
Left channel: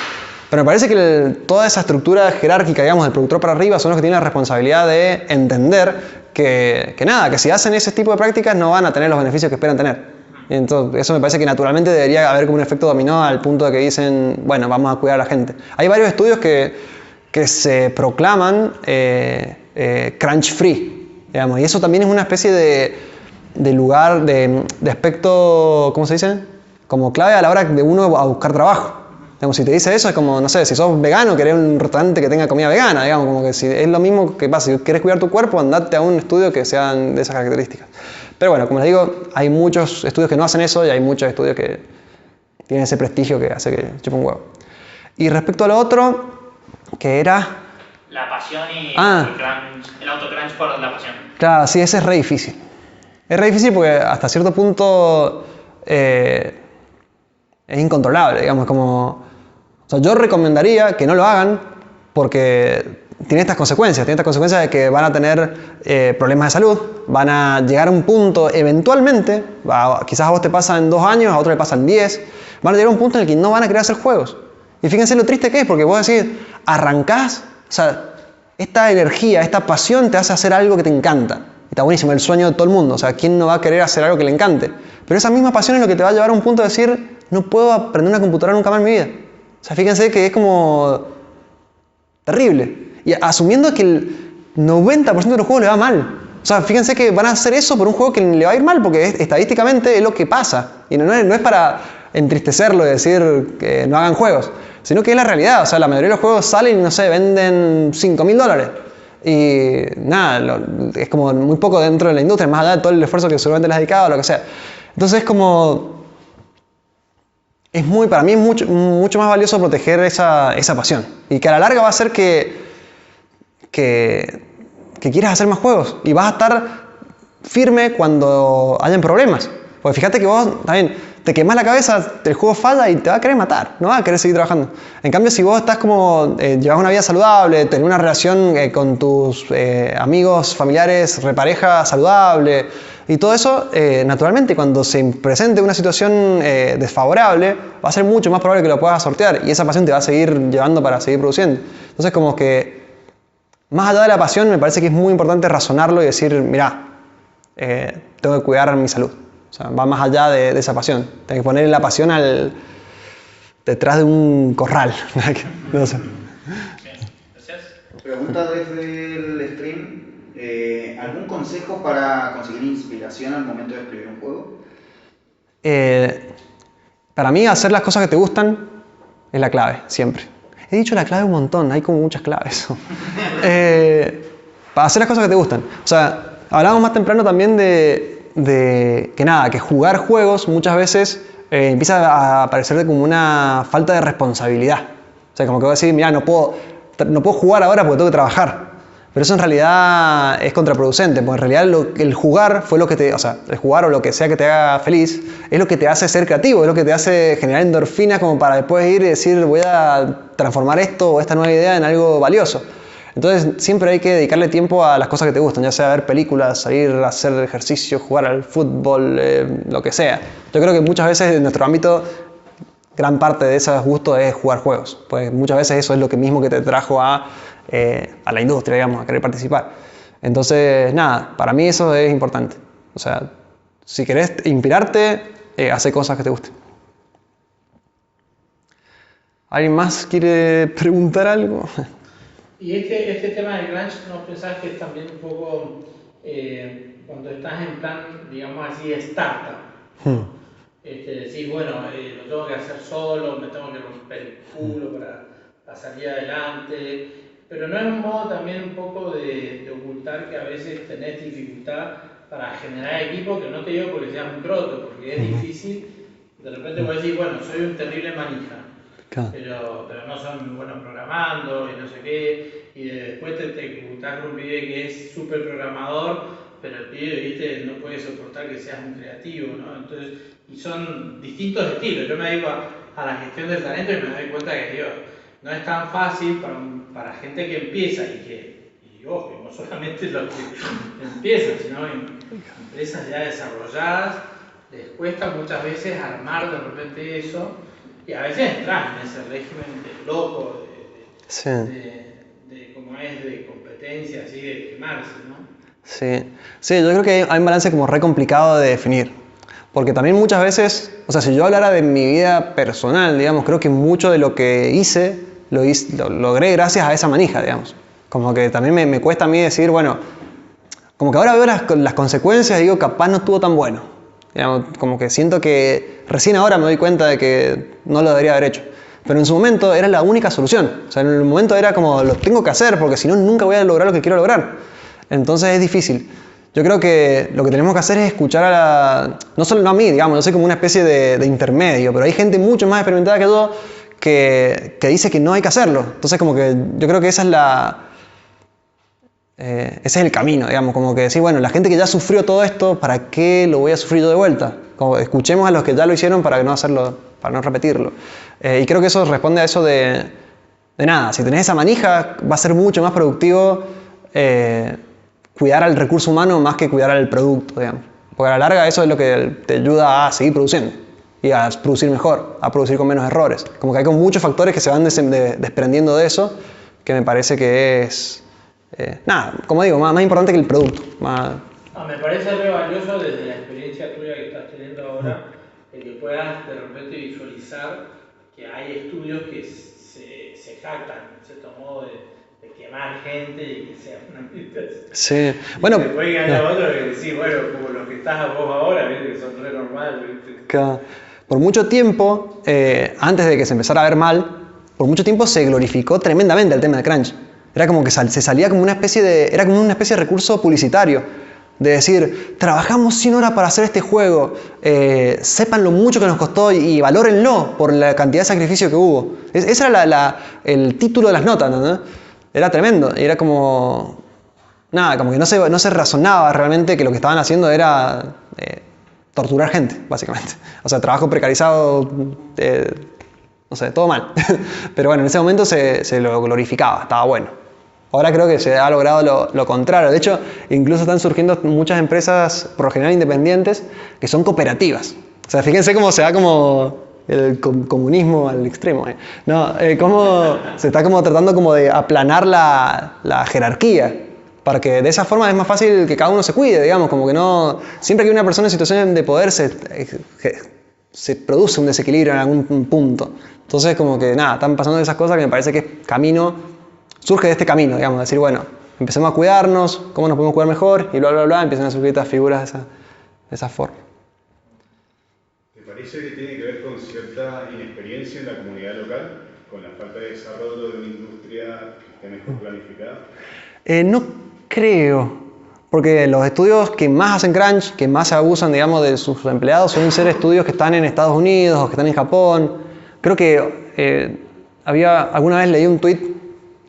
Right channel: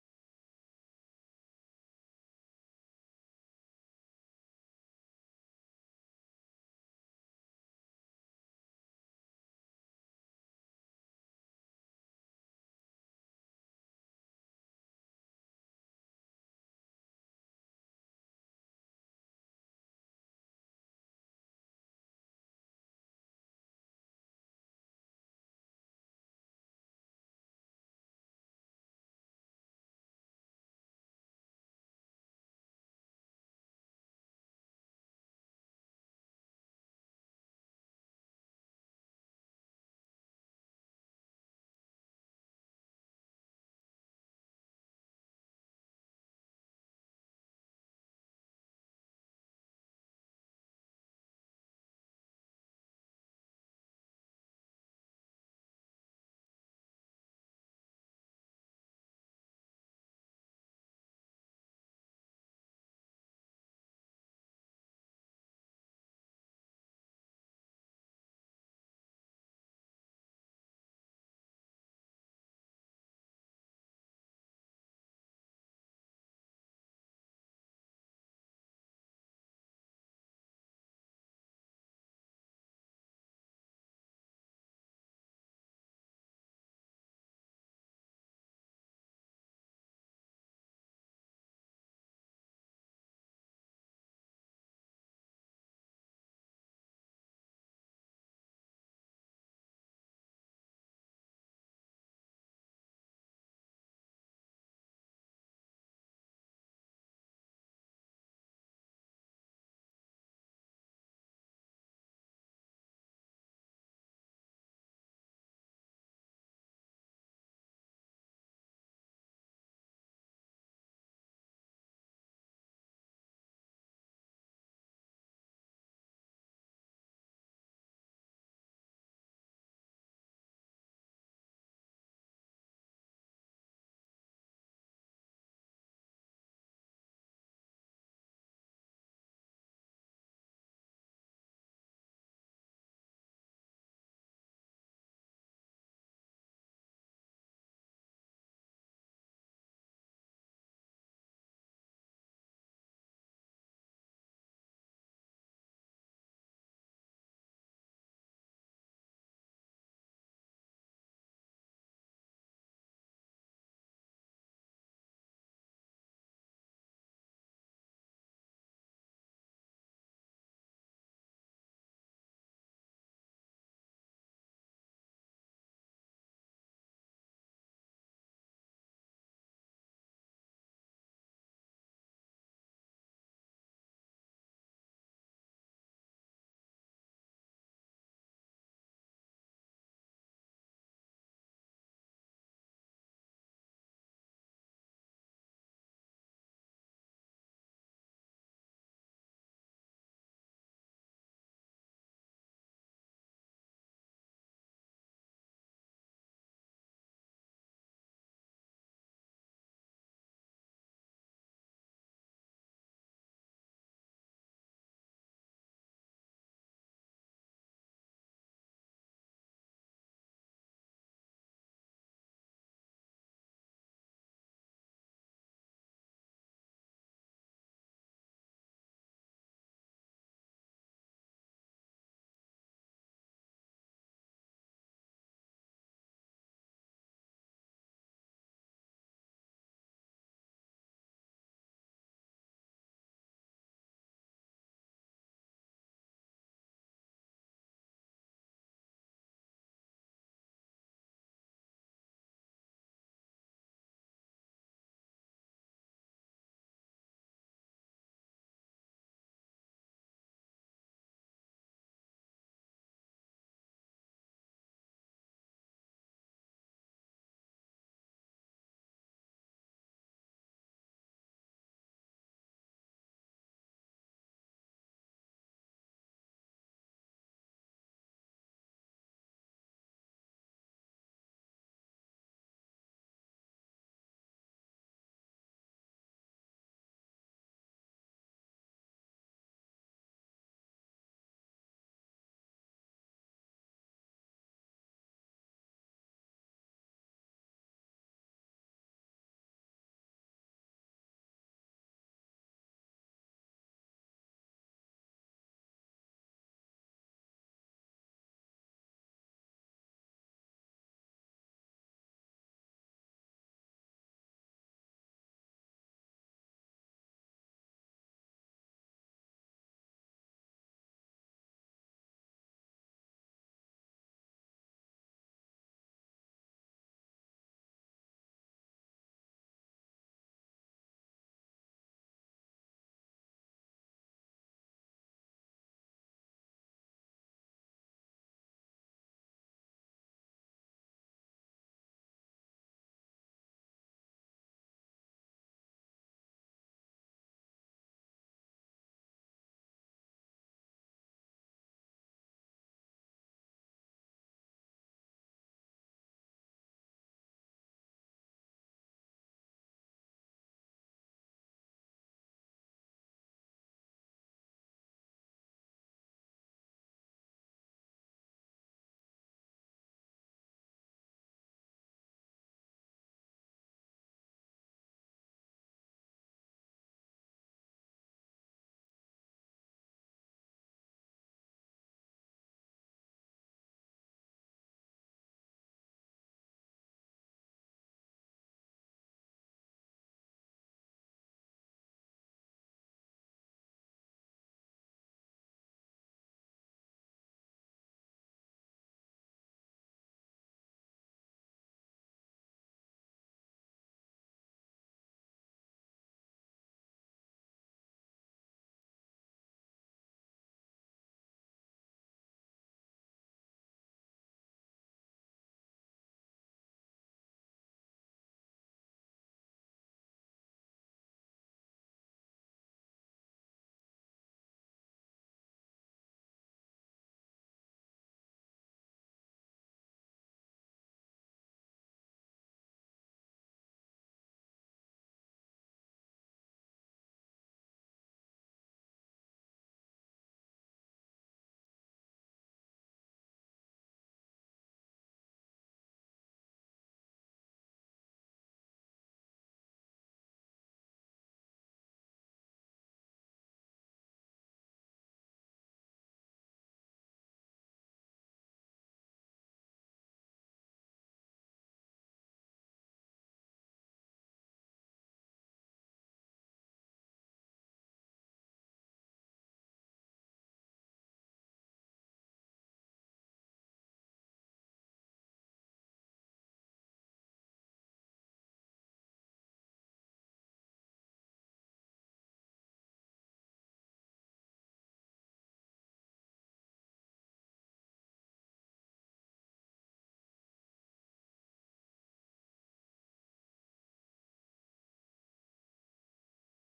Pero me parece que toda esa estructura jerárquica, digamos, del productor para arriba son los que tienen la responsabilidad de entender que nada, que si hacen ese tipo de prácticas no van a tener los beneficios que esperan tener. Y entonces, eso me parece que naturalmente debería haber como un efecto dominó al punto de que dicen, bueno, vamos a cuidar a la gente. Hay varios estudios que se proclaman crunch free, digamos, y eso también es una especie de lugar, de aspecto, ¿cómo se dice? Como clave a la hora de uno a buscar trabajo. Digamos, si te dice eso es como, no sé, si sos vegano, querés un restaurante que tenga comida vegana, digamos, como que si es lo mismo que pasa, si querés cuidar tu cuerpo, andate a un estudio que sean de esas características. Pero bueno, como les digo, hay muchos estudios que no hacen eso y hay muchos estudios que tienen ese prestigio que hace que chupa un huevo. Y respecto a lo otro, que era... La pasión y el autocrunch por la pasión. Claro, sí, ese es re difícil. Es re difícil porque hasta cierto punto es incontrolable, digamos, como... O sea, yo recomendaría que no lo hagan porque tiene estas consecuencias. Tiene estas consecuencias de que van a tener problemas de salud, van a llegar a un punto eventualmente, quizás a vos te pasa en 2 años, a otro le pasa en 10, van a llegar a un punto en el que no van a querer hacer juegos. Y fíjense lo triste que es, porque vos decís, arrancás, o sea, esta energía, esta pasión te hace hacer algo que te encanta. Y está buenísimo, el sueño de todo el mundo. O sea, ¿quién no va a querer hacer algo que le encante? Pero esa misma pasión es lo que te va a llevar a un punto de decir, no puedo aprender una computadora nunca más en mi vida. O sea, fíjense que es como terrible. Y asumiendo que el 90% de los juegos le va mal. O sea, fíjense que van a hacer eso por un juego que le va a ir mal, porque estadísticamente es lo que pasa. Y no es para entristecerlo y decir que no hagan juegos, sino que es la realidad. O sea, la mayoría de los juegos salen y, no sé, venden $5.000. Y nada, es como muy poco dentro de la industria, más allá de todo el esfuerzo que seguramente les ha dedicado o lo que sea. Entonces es como... para mí es mucho más valioso proteger esa pasión. Y que a la larga va a hacer que quieras hacer más juegos. Y vas a estar firme cuando hayan problemas. Porque fíjate que vos también te quemás la cabeza, el juego falla y te va a querer matar. No vas a querer seguir trabajando. En cambio, si vos estás como, llevas una vida saludable, tenés una relación con tus amigos, familiares, repareja saludable... Y todo eso, naturalmente, cuando se presente una situación desfavorable, va a ser mucho más probable que lo puedas sortear y esa pasión te va a seguir llevando para seguir produciendo. Entonces, como que, más allá de la pasión, me parece que es muy importante razonarlo y decir, mirá, tengo que cuidar mi salud. O sea, va más allá de esa pasión. Tengo que poner la pasión detrás de un corral. No sé. Gracias. Pregunta desde el stream. ¿Algún consejo para conseguir inspiración al momento de escribir un juego? Para mí, hacer las cosas que te gustan es la clave, siempre. He dicho la clave un montón, hay como muchas claves. Para hacer las cosas que te gustan. O sea, hablábamos más temprano también de que jugar juegos muchas veces empieza a parecerte como una falta de responsabilidad. O sea, como que voy a decir, mira, no puedo jugar ahora porque tengo que trabajar. Pero eso en realidad es contraproducente, porque en realidad el jugar fue lo que el jugar o lo que sea que te haga feliz, es lo que te hace ser creativo, es lo que te hace generar endorfinas como para después ir y decir, voy a transformar esto o esta nueva idea en algo valioso. Entonces siempre hay que dedicarle tiempo a las cosas que te gustan, ya sea ver películas, salir a hacer ejercicio, jugar al fútbol, lo que sea. Yo creo que muchas veces en nuestro ámbito, gran parte de esos gustos es jugar juegos, pues muchas veces eso es lo que mismo que te trajo a la industria, digamos, a querer participar. Entonces, nada, para mí eso es importante. O sea, si querés inspirarte, hace cosas que te gusten. ¿Alguien más quiere preguntar algo? Y este tema del crunch, ¿no pensás que es también un poco cuando estás en plan, digamos así, de startup? Decir, bueno, lo tengo que hacer solo, me tengo que romper el culo para salir adelante, pero no es un modo también un poco de ocultar dificultad que a veces tenés dificultad para generar equipo, que no te digo porque seas un croto, porque es difícil. De repente puedes decir, bueno, soy un terrible manija, Claro. pero no son buenos programando y no sé qué, y después te juntás con un pibe que es súper programador, pero el pibe, viste, no puede soportar que seas un creativo, ¿no? Entonces, y son distintos estilos. Yo me dedico a la gestión del talento y me doy cuenta que, Dios, no es tan fácil para gente que empieza y ojo, no solamente los que empiezan, sino empresas ya desarrolladas, les cuesta muchas veces armar de repente eso, y a veces entrar en ese régimen de loco, Sí. de como es, de competencia, así, de quemarse, ¿no? Sí. Sí, yo creo que hay un balance como re complicado de definir. Porque también muchas veces, o sea, si yo hablara de mi vida personal, digamos, creo que mucho de lo que hice, lo logré gracias a esa manija, digamos. Como que también me cuesta a mí decir, bueno, como que ahora veo las consecuencias y digo, capaz no estuvo tan bueno. Digamos, como que siento que recién ahora me doy cuenta de que no lo debería haber hecho. Pero en su momento era la única solución. O sea, en el momento era como, lo tengo que hacer porque si no, nunca voy a lograr lo que quiero lograr. Entonces es difícil. Yo creo que lo que tenemos que hacer es escuchar no solo a mí, digamos, yo soy como una especie de intermedio, pero hay gente mucho más experimentada que yo que dice que no hay que hacerlo. Entonces como que yo creo que ese es el camino, digamos, como que decir, bueno, la gente que ya sufrió todo esto, ¿para qué lo voy a sufrir yo de vuelta? Como escuchemos a los que ya lo hicieron para no hacerlo, para no repetirlo. Y creo que eso responde a eso de nada, si tenés esa manija va a ser mucho más productivo cuidar al recurso humano más que cuidar al producto, digamos. Porque a la larga eso es lo que te ayuda a seguir produciendo y a producir mejor, a producir con menos errores. Como que hay muchos factores que se van desprendiendo de eso, que me parece que es, nada, como digo, más importante que el producto. Me parece re valioso desde la experiencia tuya que estás teniendo ahora, el que puedas de repente visualizar que hay estudios que se jactan, en cierto modo, de quemar gente y que sea una meditación. Sí, bueno. Y después que haya otro que decís, bueno, como los que estás vos ahora, ¿viste? Que son re normales, ¿viste? Por mucho tiempo, antes de que se empezara a ver mal, por mucho tiempo se glorificó tremendamente el tema de crunch. Era como que se salía como una especie de recurso publicitario. De decir, trabajamos 100 horas para hacer este juego, sepan lo mucho que nos costó y valórenlo por la cantidad de sacrificio que hubo. Ese era el título de las notas, ¿no? Era tremendo. Y era como, nada, como que no se razonaba realmente que lo que estaban haciendo era torturar gente, básicamente. O sea, trabajo precarizado, no sé, todo mal. Pero bueno, en ese momento se lo glorificaba, estaba bueno. Ahora creo que se ha logrado lo contrario. De hecho, incluso están surgiendo muchas empresas, por lo general independientes, que son cooperativas. O sea, fíjense cómo se da como el comunismo al extremo. No, cómo se está como tratando como de aplanar la jerarquía. Para que de esa forma es más fácil que cada uno se cuide, digamos. Como que no... Siempre que hay una persona en situación de poder se produce un desequilibrio en algún punto. Entonces, como que nada, están pasando esas cosas que me parece que es surge de este camino, digamos, decir, bueno, empecemos a cuidarnos, cómo nos podemos cuidar mejor, y bla, bla, bla, empiezan a surgir estas figuras de esa forma. ¿Te parece que tiene que ver con cierta inexperiencia en la comunidad local, con la falta de desarrollo de una industria que esté mejor planificada? No creo, porque los estudios que más hacen crunch, que más se abusan, digamos, de sus empleados, suelen ser estudios que están en Estados Unidos o que están en Japón. Creo que alguna vez leí un tweet.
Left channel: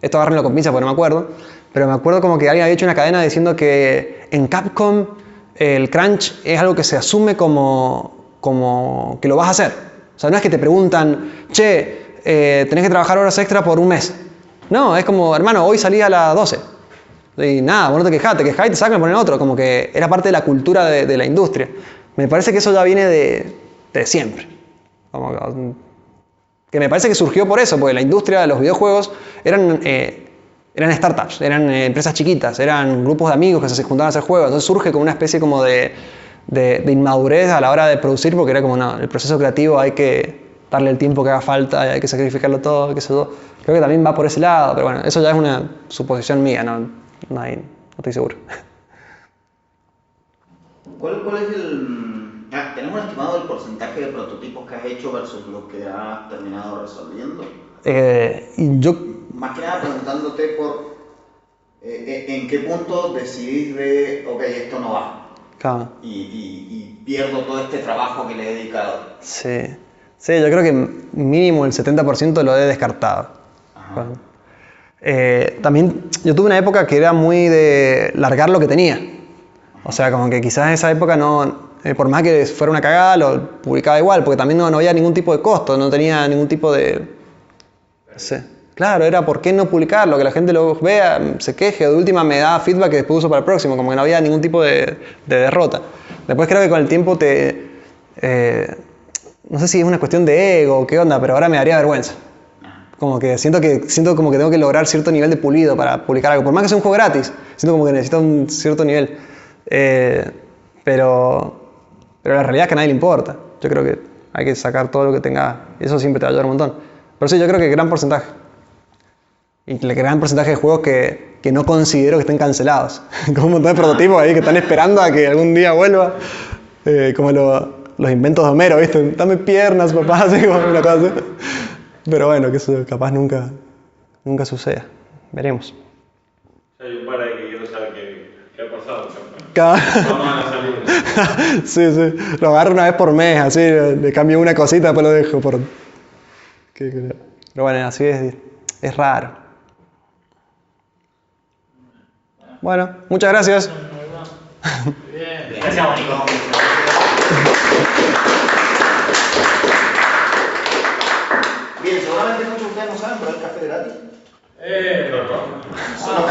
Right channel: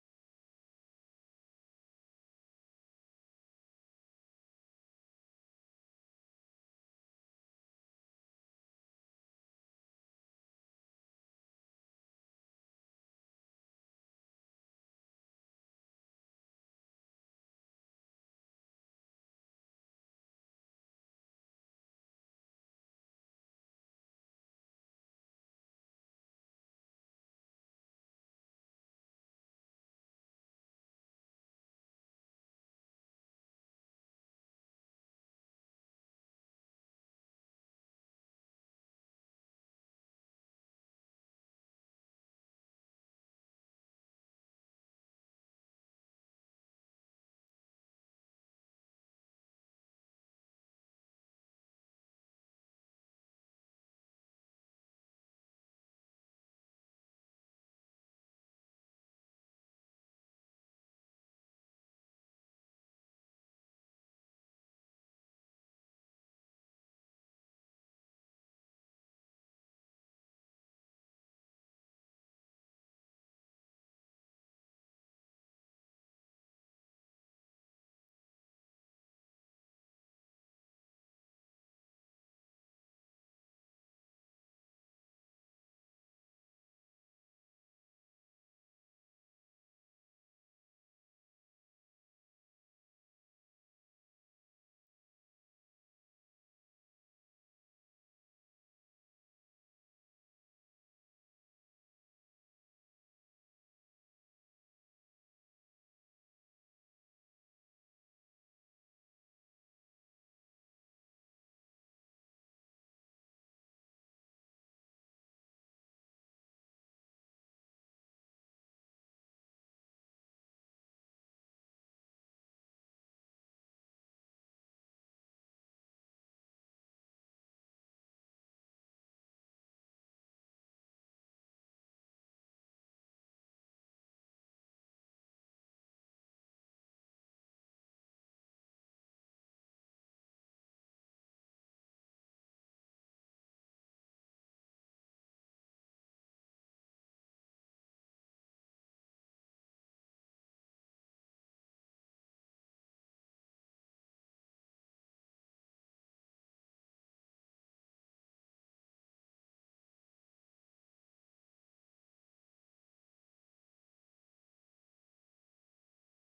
Esto agárrenlo con pinza porque no me acuerdo, pero me acuerdo como que alguien había hecho una cadena diciendo que en Capcom el crunch es algo que se asume como que lo vas a hacer. O sea, no es que te preguntan, che, tenés que trabajar horas extra por un mes. No, es como, hermano, hoy salí a las 12. Y nada, vos no te quejás y te sacan y ponen otro. Como que era parte de la cultura de la industria. Me parece que eso ya viene de siempre. Que me parece que surgió por eso, porque la industria de los videojuegos eran startups, eran empresas chiquitas, eran grupos de amigos que se juntaban a hacer juegos. Entonces surge como una especie como de inmadurez a la hora de producir, porque era como, no, el proceso creativo hay que darle el tiempo que haga falta, hay que sacrificarlo todo, qué sé yo. Creo que también va por ese lado, pero bueno, eso ya es una suposición mía, no estoy seguro. ¿Cuál es ¿tenemos un estimado del porcentaje de prototipos que has hecho versus los que has terminado resolviendo? Yo... Más que nada preguntándote ¿En qué punto decidís de, ok, esto no va? Claro. Y pierdo todo este trabajo que le he dedicado. Sí. Sí, yo creo que mínimo el 70% lo he descartado. Ajá. También yo tuve una época que era muy de largar lo que tenía. O sea, como que quizás en esa época no, por más que fuera una cagada, lo publicaba igual, porque también no había ningún tipo de costo, no tenía ningún tipo de... No sé. Claro, era por qué no publicarlo, que la gente lo vea, se queje, de última me da feedback que después uso para el próximo, como que no había ningún tipo de derrota. Después creo que con el tiempo no sé si es una cuestión de ego o qué onda, pero ahora me daría vergüenza. Como que siento como que tengo que lograr cierto nivel de pulido para publicar algo. Por más que sea un juego gratis, siento como que necesito un cierto nivel. Pero la realidad es que a nadie le importa. Yo creo que hay que sacar todo lo que tenga. Y eso siempre te va a ayudar un montón. Pero sí, yo creo que gran porcentaje. Y el gran porcentaje de juegos que no considero que estén cancelados. Como un montón de prototipos ahí que están esperando a que algún día vuelva. Como los inventos de Homero, ¿viste? Dame piernas, papá, así como una cosa así. Pero bueno, que eso capaz nunca suceda. Veremos. Hay un par ahí que quiero saber qué ha pasado. Vamos a la salida. Sí. Lo agarro una vez por mes, así, le cambio una cosita, después lo dejo por... Pero bueno, así es raro. Bueno, muchas gracias. Bien. Gracias, Mónico. Bien, seguramente muchos de ustedes no saben, pero hay café gratis. Claro. Solo